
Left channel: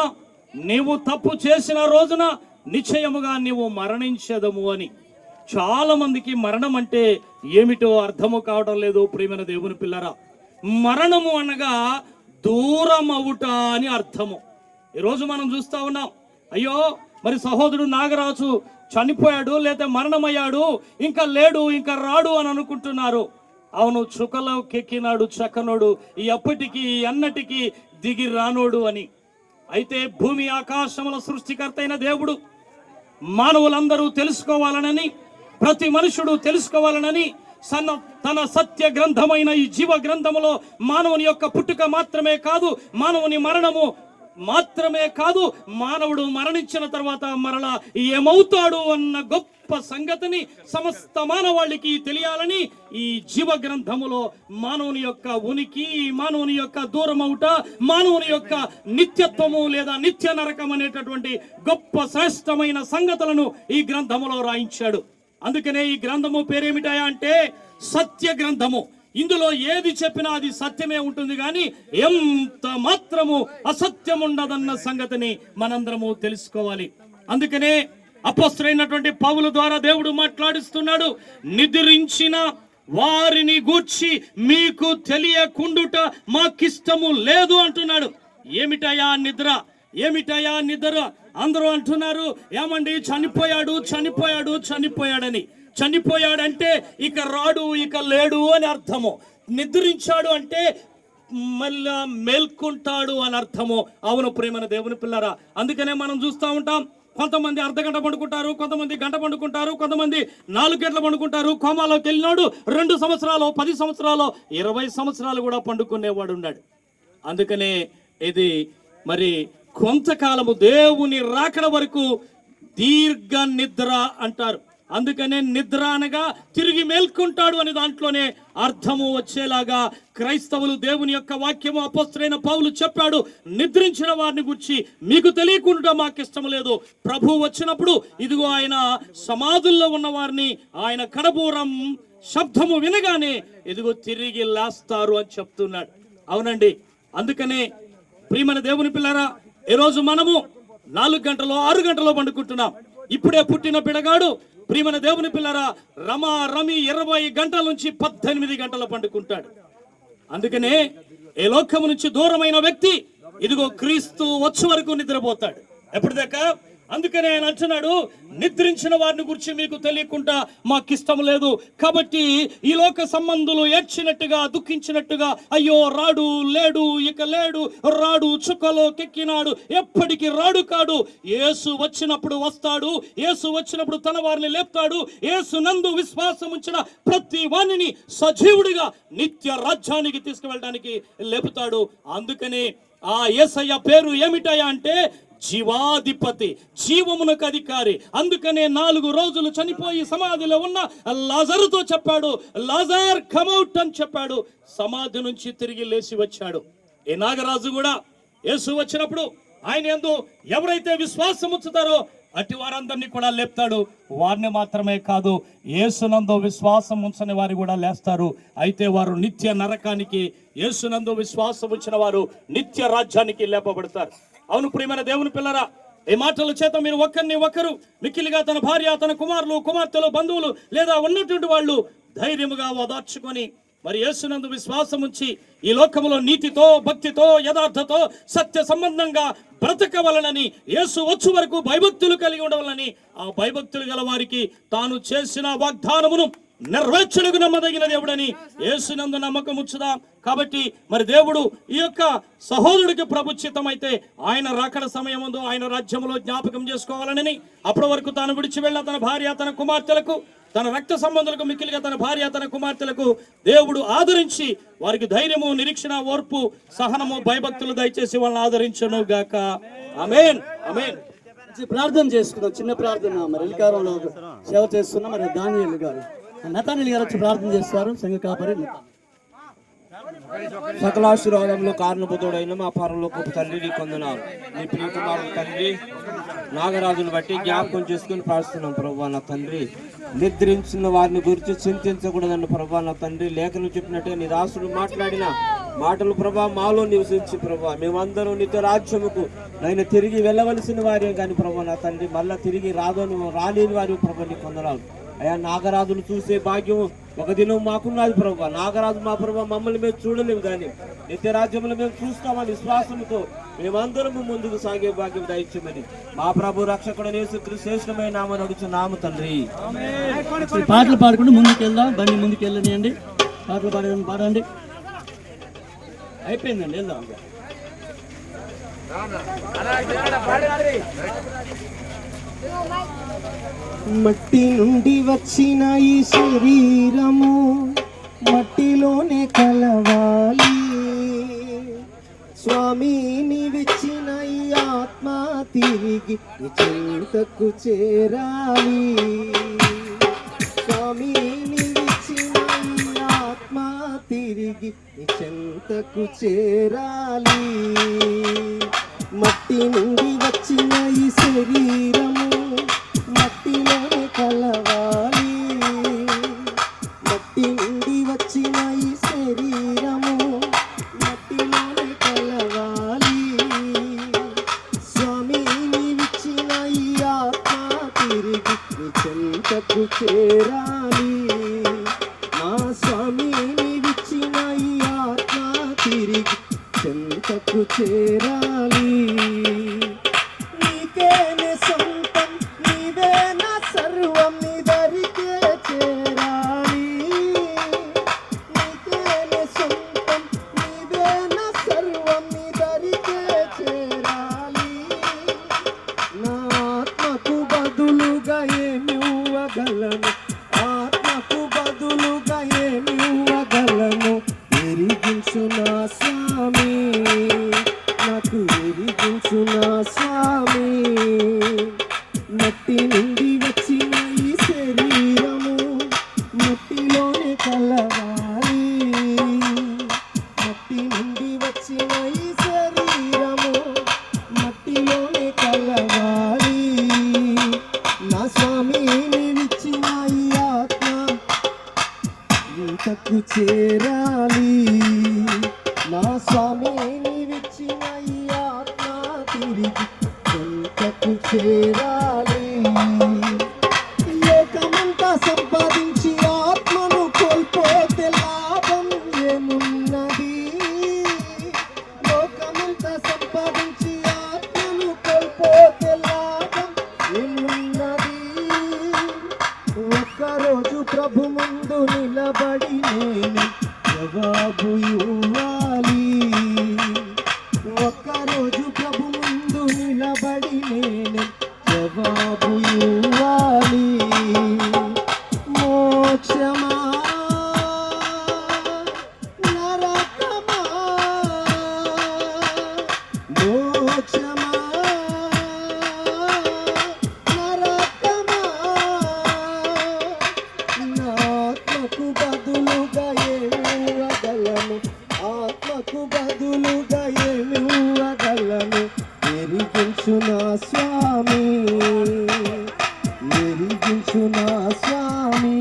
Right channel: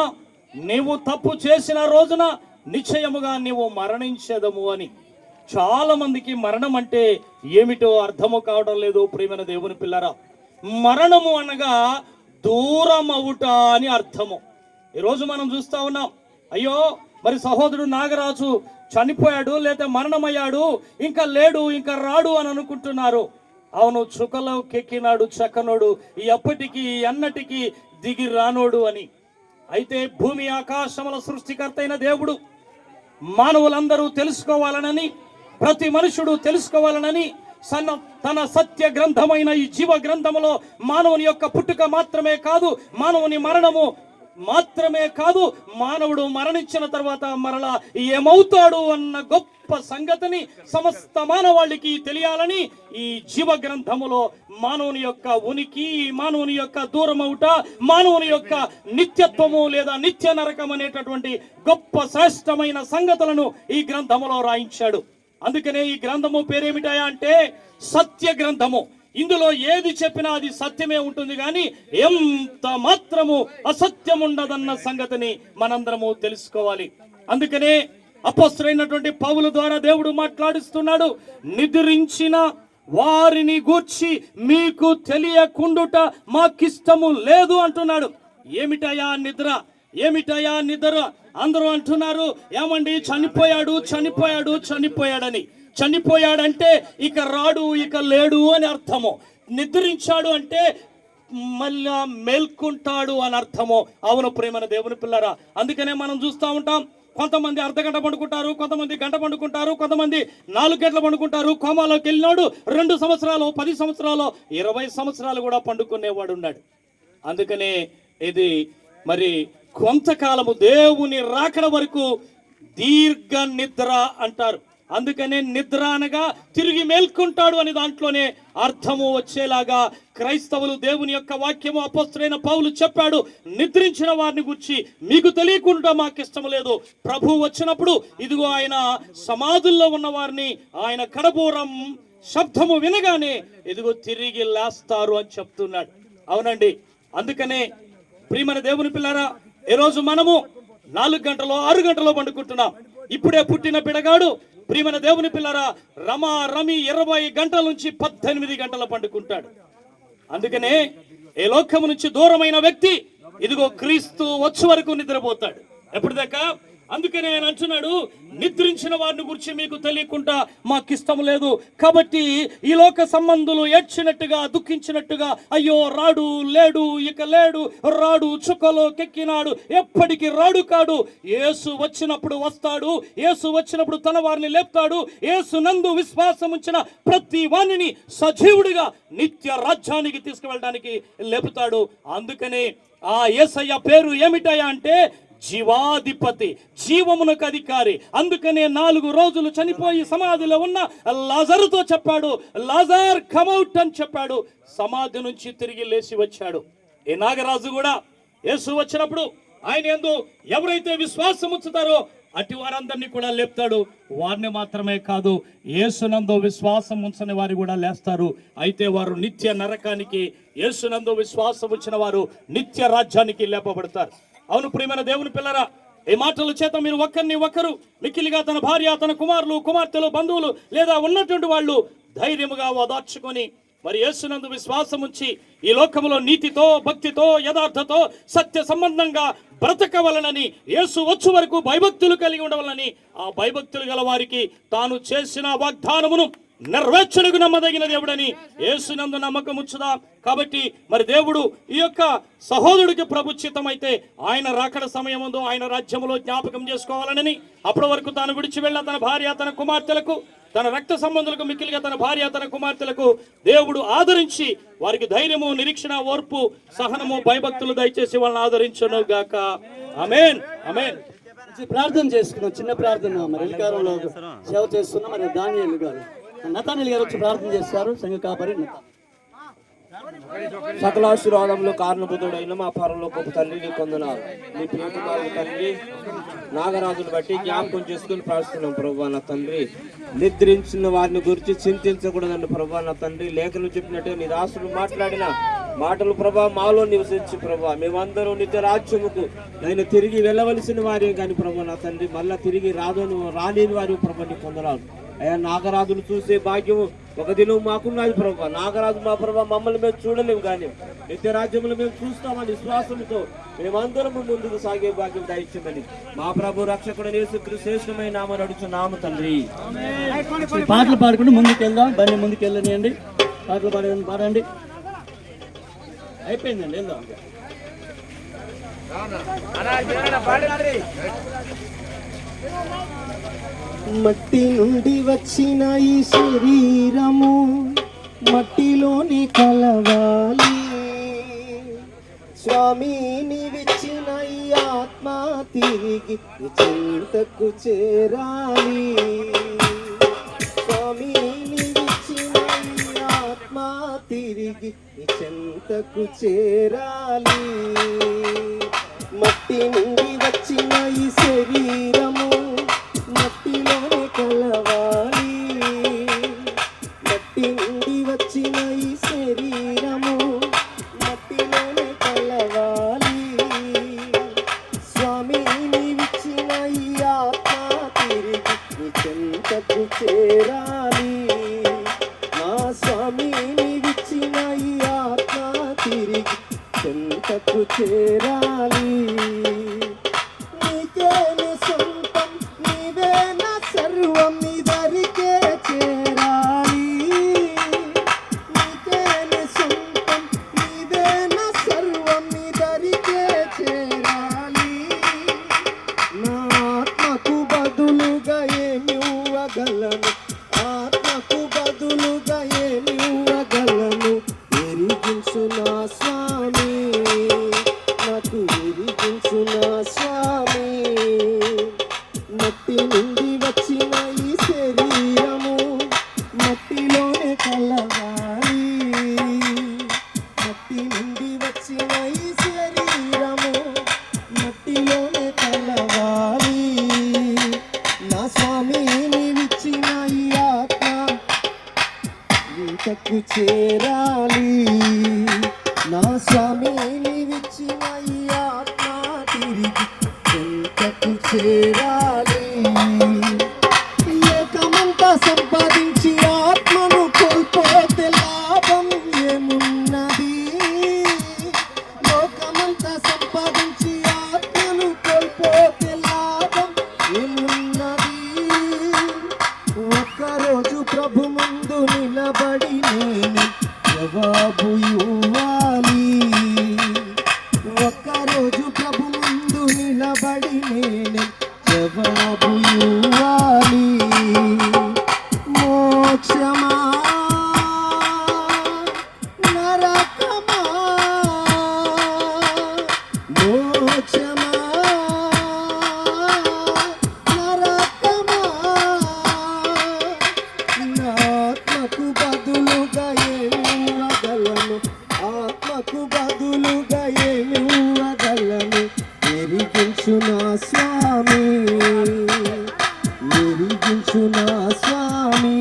నీవు తప్పు చేసిన రోజున నిశ్చయముగా నీవు మరణించదము అని. చాలా మందికి మరణం అంటే ఏమిటో అర్థము కావడం లేదు ప్రియమైన దేవుని పిల్లరా. మరణము అనగా దూరం అవుట అని అర్థము. ఈరోజు మనం చూస్తా ఉన్నాం, అయ్యో మరి సహోదరుడు నాగరాజు చనిపోయాడు, లేదా మరణమయ్యాడు, ఇంకా లేడు, ఇంకా రాడు అని అనుకుంటున్నారు. అవును, చుక్కలోకెక్కినాడు చక్కనోడు, ఈ అప్పటికి అన్నటికి దిగి రానోడు అని. అయితే భూమి ఆకాశముల సృష్టికర్త అయిన దేవుడు మానవులందరూ తెలుసుకోవాలనని, ప్రతి మనుషుడు తెలుసుకోవాలనని తన సత్య గ్రంథమైన ఈ జీవ గ్రంథములో మానవుని యొక్క పుట్టుక మాత్రమే కాదు, మానవుని మరణము మాత్రమే కాదు, మానవుడు మరణించిన తర్వాత మరలా ఏమవుతాడు అన్న గొప్ప సంగతిని సమస్త మానవాళికి తెలియాలని ఈ జీవ గ్రంథములో మానవుని యొక్క ఉనికి, మానవుని యొక్క దూరమవుట, మానవుని యొక్క నిత్యత్వము లేదా నిత్య నరకం అనేటటువంటి గొప్ప శ్రేష్టమైన సంగతులను ఈ గ్రంథములో రాయించాడు. అందుకనే ఈ గ్రంథము పేరేమిటాయా అంటే సత్య గ్రంథము. ఇందులో ఏది చెప్పినా అది సత్యమే ఉంటుంది, కానీ ఎంత మాత్రము అసత్యం ఉండదన్న సంగతిని మనందరము తెలుసుకోవాలి. అందుకనే అపొస్తలుడైనటువంటి పౌలు ద్వారా దేవుడు మాట్లాడిస్తున్నాడు, నిద్రించిన వారిని గూర్చి మీకు తెలియకుండుట మాకిష్టము లేదు అంటున్నాడు. ఏమిటయా నిద్ర, ఏమిటయా నిద్ర? అందరూ అంటున్నారు, ఏమండి చనిపోయాడు చనిపోయాడు చనిపోయాడని. చనిపోయాడంటే ఇక రాడు, ఇక లేడు అని అర్థము. నిద్రించాడు అంటే మళ్ళా మేల్కొంటాడు అని అర్థము. అవును ప్రియమైన దేవుని పిల్లరా, అందుకనే మనం చూస్తూ ఉంటాం, కొంతమంది అర్ధగంట పండుకుంటారు, కొంతమంది గంట పండుకుంటారు, కొంతమంది 4 గంటలు పండుకుంటారు. కోమాలోకి వెళ్ళినాడు 2 సంవత్సరాలు, 10 సంవత్సరాలు, 20 సంవత్సరాలు కూడా పండుకునేవాడు ఉన్నాడు. అందుకనే ఇది మరి కొంతకాలము దేవుని రాకడ వరకు దీర్ఘ నిద్ర అంటారు. అందుకనే నిద్ర అనగా తిరిగి మేల్కొంటాడు అని దాంట్లోనే అర్థము వచ్చేలాగా క్రైస్తవులు దేవుని యొక్క వాక్యము అపొస్తలుడైన పౌలు చెప్పాడు. నిద్రించిన వారిని గురించి మీకు తెలియకుండా మాకు ఇష్టం లేదు. ప్రభు వచ్చినప్పుడు ఇదిగో ఆయన సమాధుల్లో ఉన్న వారిని ఆయన కడబూరం శబ్దము వినగానే ఇదిగో తిరిగి లేస్తారు అని చెప్తున్నాడు. అవునండి, అందుకనే ప్రియమైన దేవుని పిల్లరా, ఈరోజు మనము 4 గంటలో 6 గంటలో పండుకుంటున్నాం. ఇప్పుడే పుట్టిన పిడగాడు ప్రియమైన దేవుని పిల్లరా రమి 20 గంటల నుంచి 18 గంటలు పండుకుంటాడు. అందుకనే ఈ లోకము నుంచి దూరమైన వ్యక్తి ఇదిగో క్రీస్తు వచ్చే వరకు నిద్రపోతాడు. ఎప్పటిదాకా? అందుకనే ఆయన అంటున్నాడు, నిద్రించిన వారిని గురించి మీకు తెలియకుండా మాకు ఇష్టం లేదు. కాబట్టి ఈ లోక సంబంధులు ఏడ్చినట్టుగా, దుఃఖించినట్టుగా, అయ్యో రాడు, లేడు, ఇక లేడు, రాడు, చుక్కలో కెక్కినాడు, ఎప్పటికీ రాడు కాడు. యేసు వచ్చినప్పుడు వస్తాడు, యేసు వచ్చినప్పుడు తన వారిని లేపుతాడు. యేసు నందు విశ్వాసం ఉంచిన ప్రతి వాణిని సజీవుడిగా నిత్య రాజ్యానికి తీసుకువెళ్ళడానికి లేపుతాడు. అందుకనే ఆ యేసయ్య పేరు ఏమిటయా అంటే జీవాధిపతి, జీవమునకు అధికారి. అందుకనే 4 రోజులు చనిపోయి సమాధిలో ఉన్న లాజరుతో చెప్పాడు, లాజర్ కమౌట్ అని చెప్పాడు. సమాధి నుంచి తిరిగి లేచి వచ్చాడు. ఈ నాగరాజు కూడా యేసు వచ్చినప్పుడు ఆయన యందు ఎవరైతే విశ్వాసం ఉంచుతారో అటు వారందరినీ కూడా లేపుతాడు. వారిని మాత్రమే కాదు, యేసునందు విశ్వాసం ఉంచని వారు కూడా లేస్తారు. అయితే వారు నిత్య నరకానికి, యేసునందు విశ్వాసం ఉంచిన వారు నిత్య రాజ్యానికి లేపబడతారు. అవును ప్రియమైన దేవుని పిల్లరా, ఈ మాటల చేత మీరు ఒకరిని ఒకరు మిక్కిలిగా తన భార్య, తన కుమారులు, కుమార్తెలు, బంధువులు లేదా ఉన్నటువంటి వాళ్ళు ధైర్యముగా ఓదార్చుకొని మరి యేసునందు విశ్వాసం ఉంచి ఈ లోకములో నీతితో, భక్తితో, యథార్థతో, సత్య సంబంధంగా బ్రతకవలనని, యేసు వచ్చు వరకు భయభక్తులు కలిగి ఉండవలనని, ఆ భయభక్తులు గల వారికి తాను చేసిన వాగ్దానమును నెరవేర్చుటకు నమ్మదగిన దేవుడని యేసునందు నమ్మకం ఉంచుదాం. కాబట్టి మరి దేవుడు ఈ యొక్క సహోదరుడికి ప్రభుచితమైతే ఆయన రాకడ సమయముందు ఆయన రాజ్యములో జ్ఞాపకం చేసుకోవాలని, అప్పటి వరకు తాను విడిచి వెళ్ళిన తన భార్య, తన కుమార్తెలకు, తన రక్త సంబంధులకు, మిక్కిలిగా తన భార్య, తన కుమార్తెలకు దేవుడు ఆదరించి వారికి ధైర్యము, నిరీక్షణ, ఓర్పు, సహనము, భయభక్తులు దయచేసి వాళ్ళని ఆదరించును గాక. ఆమేన్, ఆమేన్. ప్రార్థన చేసుకున్నాం, చిన్న ప్రార్థన. మరి అధికారంలో సేవ చేస్తున్నాం. మరి దానియేలు గారు, నతానీల్ గారు వచ్చి ప్రార్థన చేస్తారు. సంఘ కాపరి సకలాశీర్వాదంలో కారణభూతుడైన మా పరలోకపు తండ్రి, నీ కొందనాలు. నీ ప్రియకుమారుడు తండ్రి నాగరాజును బట్టి జ్ఞాపకం చేసుకుని ప్రార్థిస్తున్నాం ప్రభా. నా తండ్రి, నిద్రించిన వారిని గురించి చింతించకూడదండి ప్రభా. నా తండ్రి, లేఖను చెప్పినట్టుగా నీ దాసుడు మాట్లాడిన మాటలు ప్రభా మాలో నివసించి ప్రభా మేమందరూ నిత్య రాజ్యముకు నేను తిరిగి వెళ్ళవలసిన వారే కానీ ప్రభా. నా తండ్రి, మళ్ళా తిరిగి రాలేని వారి ప్రభా నీ కొందనాలు. అయ్యా, నాగరాజులు చూసే భాగ్యం ఒక దినం మాకున్నది ప్రభా. నాగరాజు మా ప్రభా మమ్మల్ని మేము చూడలేము, కానీ నిత్య రాజ్యములు మేము చూస్తామని విశ్వాసంతో మేమందరము ముందుకు సాగే భాగ్యం దయచేయమని మా ప్రభు రక్షకుడు యేసుక్రీస్తు శ్రేష్టమైన నామమున అడుగుచున్నాము తండ్రి. పాటలు పాడుకుంటూ ముందుకెళ్దాం. బండి ముందుకెళ్ళనియండి. పాటలు పాడండి. అయిపోయిందండి, వెళ్దాం. మట్టి నుండి వచ్చిన ఈ శరీరము మట్టిలోనే కలవాలి. స్వామిని విచ్చిన ఈ ఆత్మ తిరిగి చెంతకు చేరాలి. స్వామిని విచ్చిన ఈ ఆత్మ తిరిగి చెంతకు చేరాలి. మట్టి నుండి వచ్చిన ఈ శరీరము మట్టిలోనే కలవాలి. మట్టి నుండి వచ్చిన ఈ శరీరము మట్టిలోనే కలవాలి. స్వామిని విచ్చిన ఈ ఆత్మ తిరిగి చెంతకు చేరాలి. నా స్వామిని విచ్చిన ఈ ఆత్మ తిరిగి చెంతకు చేరాలి. నీకేనే సొంతం, నీవే నా సర్వం, నీ దరికే చేరాలి. నీకేనే సొంతం, నీవే నా సర్వం, నీ దరికే చేరాలి. నా ఆత్మకు బదులుగా ఏమి ఇవ్వగలను, ఆత్మకు బదులుగా ఏమి ఇవ్వగలను. ఎరిగించు నా స్వామి, నాకు ఎరిగించు నా స్వామి. మట్టి నుండి వచ్చిన ఈ శరీరము మట్టిలోనే కలవాలి. మట్టి నుండి వచ్చిన ఈ శరీరము మట్టిలోనే కలవాలి. నా స్వామిని విచ్చిన ఈ ఆత్మ ఇంతకు చేరాలి. నా స్వామిని విచ్చిన ఈ ఆత్మ తిరిగి ఇంతకు చేరాలి. లోకమంతా సంపాదించి ఆత్మను కోల్పోతే లాభం ఏమున్నది? లోకమంతా సంపాదించి ఆత్మను కోల్పోతే లాభం ఏమున్నది? ఒక్కరోజు ప్రభు ముందు నిలబడి నేను జవాబు ఇవ్వాలి. ఒక్కరోజు ప్రభు ముందు నిలబడి నేను జవాబు ఇవ్వాలి. మోక్షమా నరకమా, మోక్షమా నరకమా. నా ఆత్మకు బదులుగా ఏమి ఇవ్వగలను, ఆత్మకు బదులుగా ఏమి ఇవ్వగలను. ఎరిగించు నా స్వామి, ఎరిగించు నా స్వామి.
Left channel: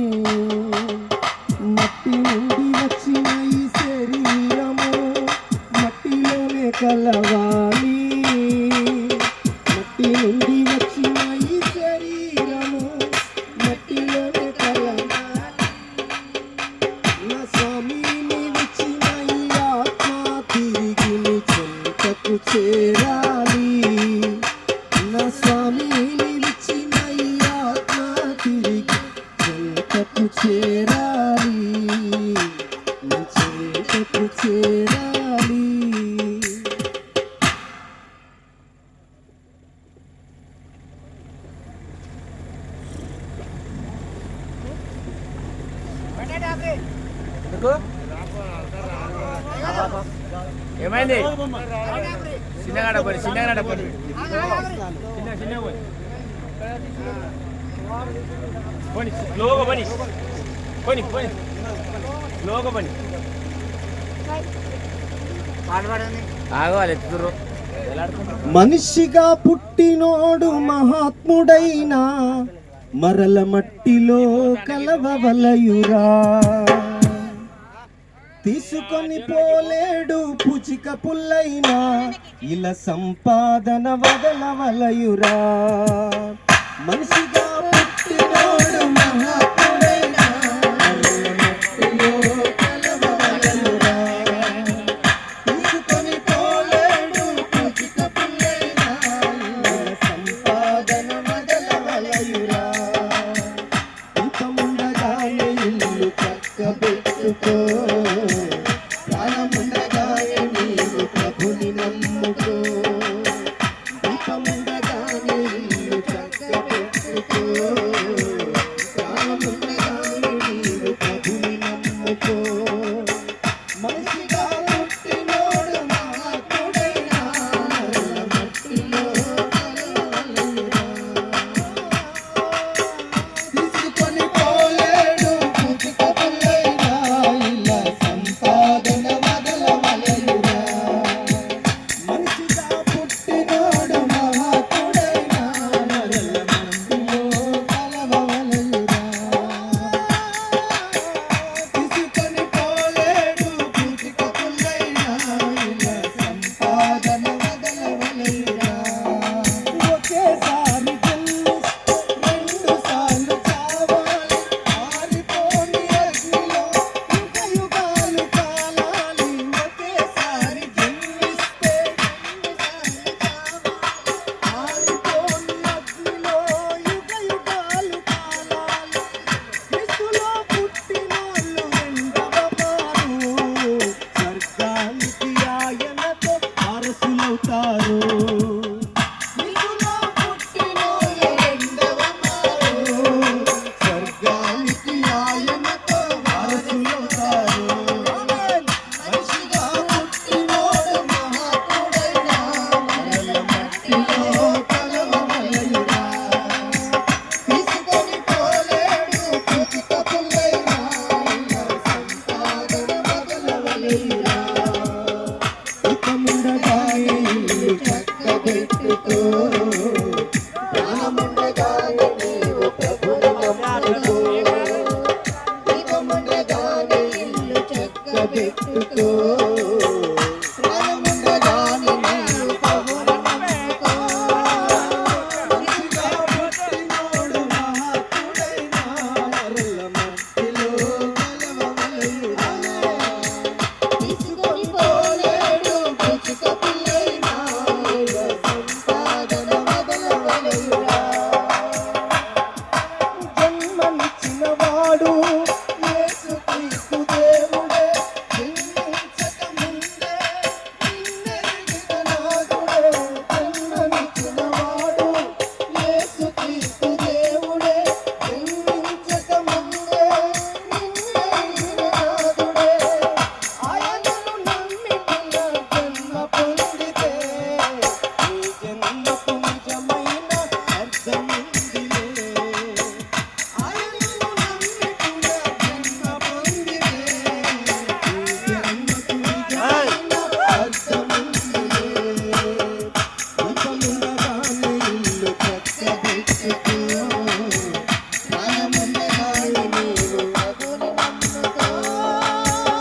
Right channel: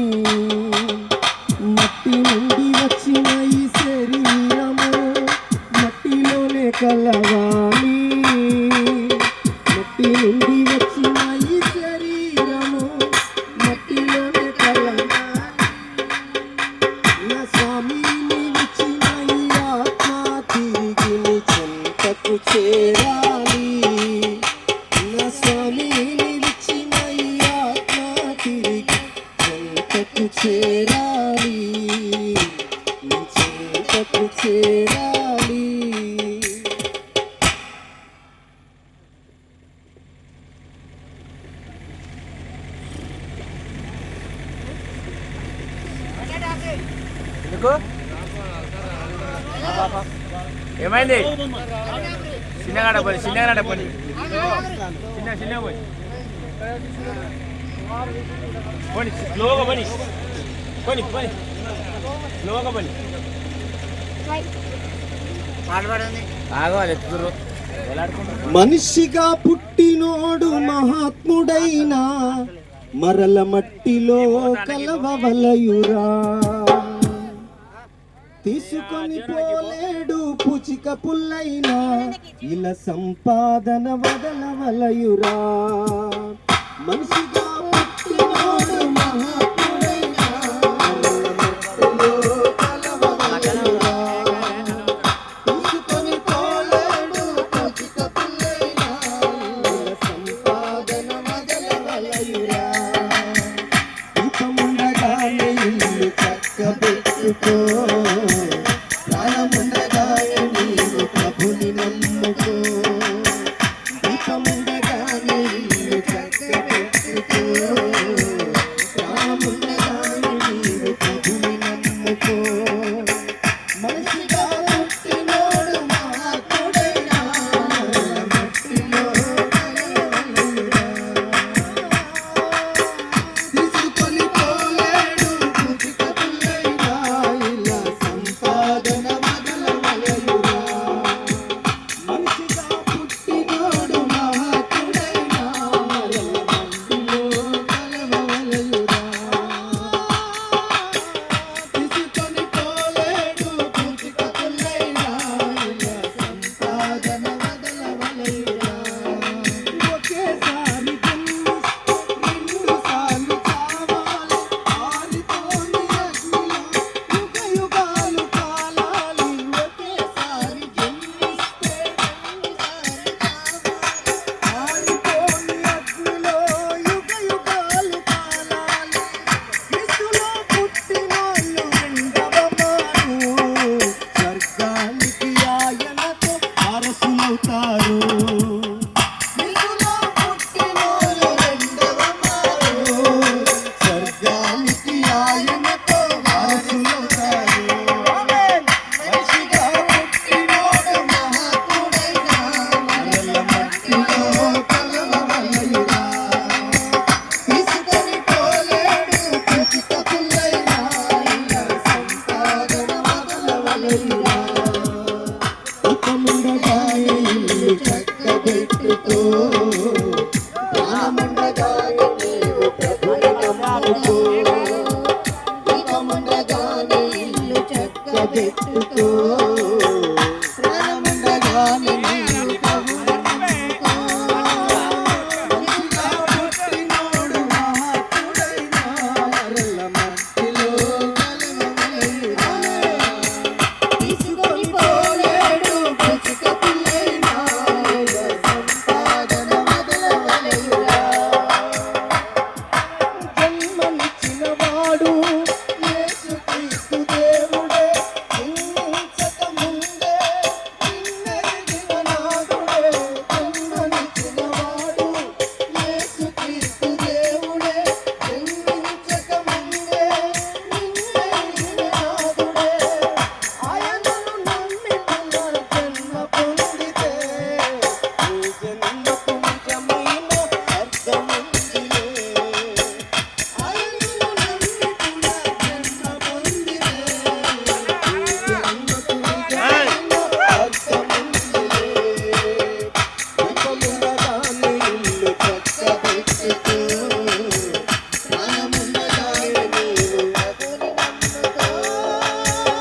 చేరాలి, నీ చేతకు చేరాలి. ఏమైంది? మనిషిగా పుట్టినోడు మహాత్ముడైనా మరల మట్టిలో కలవవలయురా. తీసుకొని పోలేడు పుచిక పుల్లైనా ఇలా సంపాదన వదలవలయురా. మనిషిగా పుట్టినోడు మహాత్ముడైనా మరల మట్టిలో కలవవలయురా. తీసుకొని పోలేడు పుచిక పుల్లైనా ఇలా సంపాదన వదలవలయురా. దీపముండగానే ఇల్లు చక్కబెట్టుకో, ప్రాణముండగానే నీవు ప్రభుని నమ్ముకో. దీపముండగానే ఇల్లు చక్కబెట్టుకో, ప్రాణముండగానే నీవు ప్రభుని నమ్ముకో. మనిషిగా పుట్టినోడు మహాత్ముడైనా మరల మట్టిలో కలవవలయురా. తీసుకొని పోలేడు పుచిక పుల్లైనా ఇలా సంపాదన వదలవలయురా. మనిషిగా పుట్టినోడు మహాత్ముడైనా మరల మట్టిలో కలవవలయురా. తీసుకొని పోలేడు పుచిక పుల్లైనా ఇలా సంపాదన వదలవలయురా. ఒకేసారి జన్మిస్తే రెండు సార్లు చావాలి, ఆరిపోని అగ్నిలో యుగ యుగాలు కాలాలి. ఒకేసారి జన్మిస్తే రెండు సార్లు చావాలి, ఆరిపోని అగ్నిలో యుగ యుగాలు కాలాలి. క్రీస్తులో పుట్టినోళ్ళు రెండవ మారు స్వర్గానికి ఆయనతో వారసులవుతారు. క్రీస్తులో పుట్టినోళ్ళు రెండవ మారు స్వర్గానికి ఆయనతో వారసులవుతారు. మనిషిగా పుట్టినోడు మహాత్ముడైనా మరల మట్టిలో కలవవలయురా. తీసుకొని పోలేడు పుచిక పుల్లైనా ఇలా సంపాదన వదలవలయురా. దీపముండగానే ఇల్లు చక్కబెట్టుకో, ప్రాణముండగానే నీవు ప్రభుని నమ్ముకో. దీపముండగానే ఇల్లు చక్కబెట్టుకో,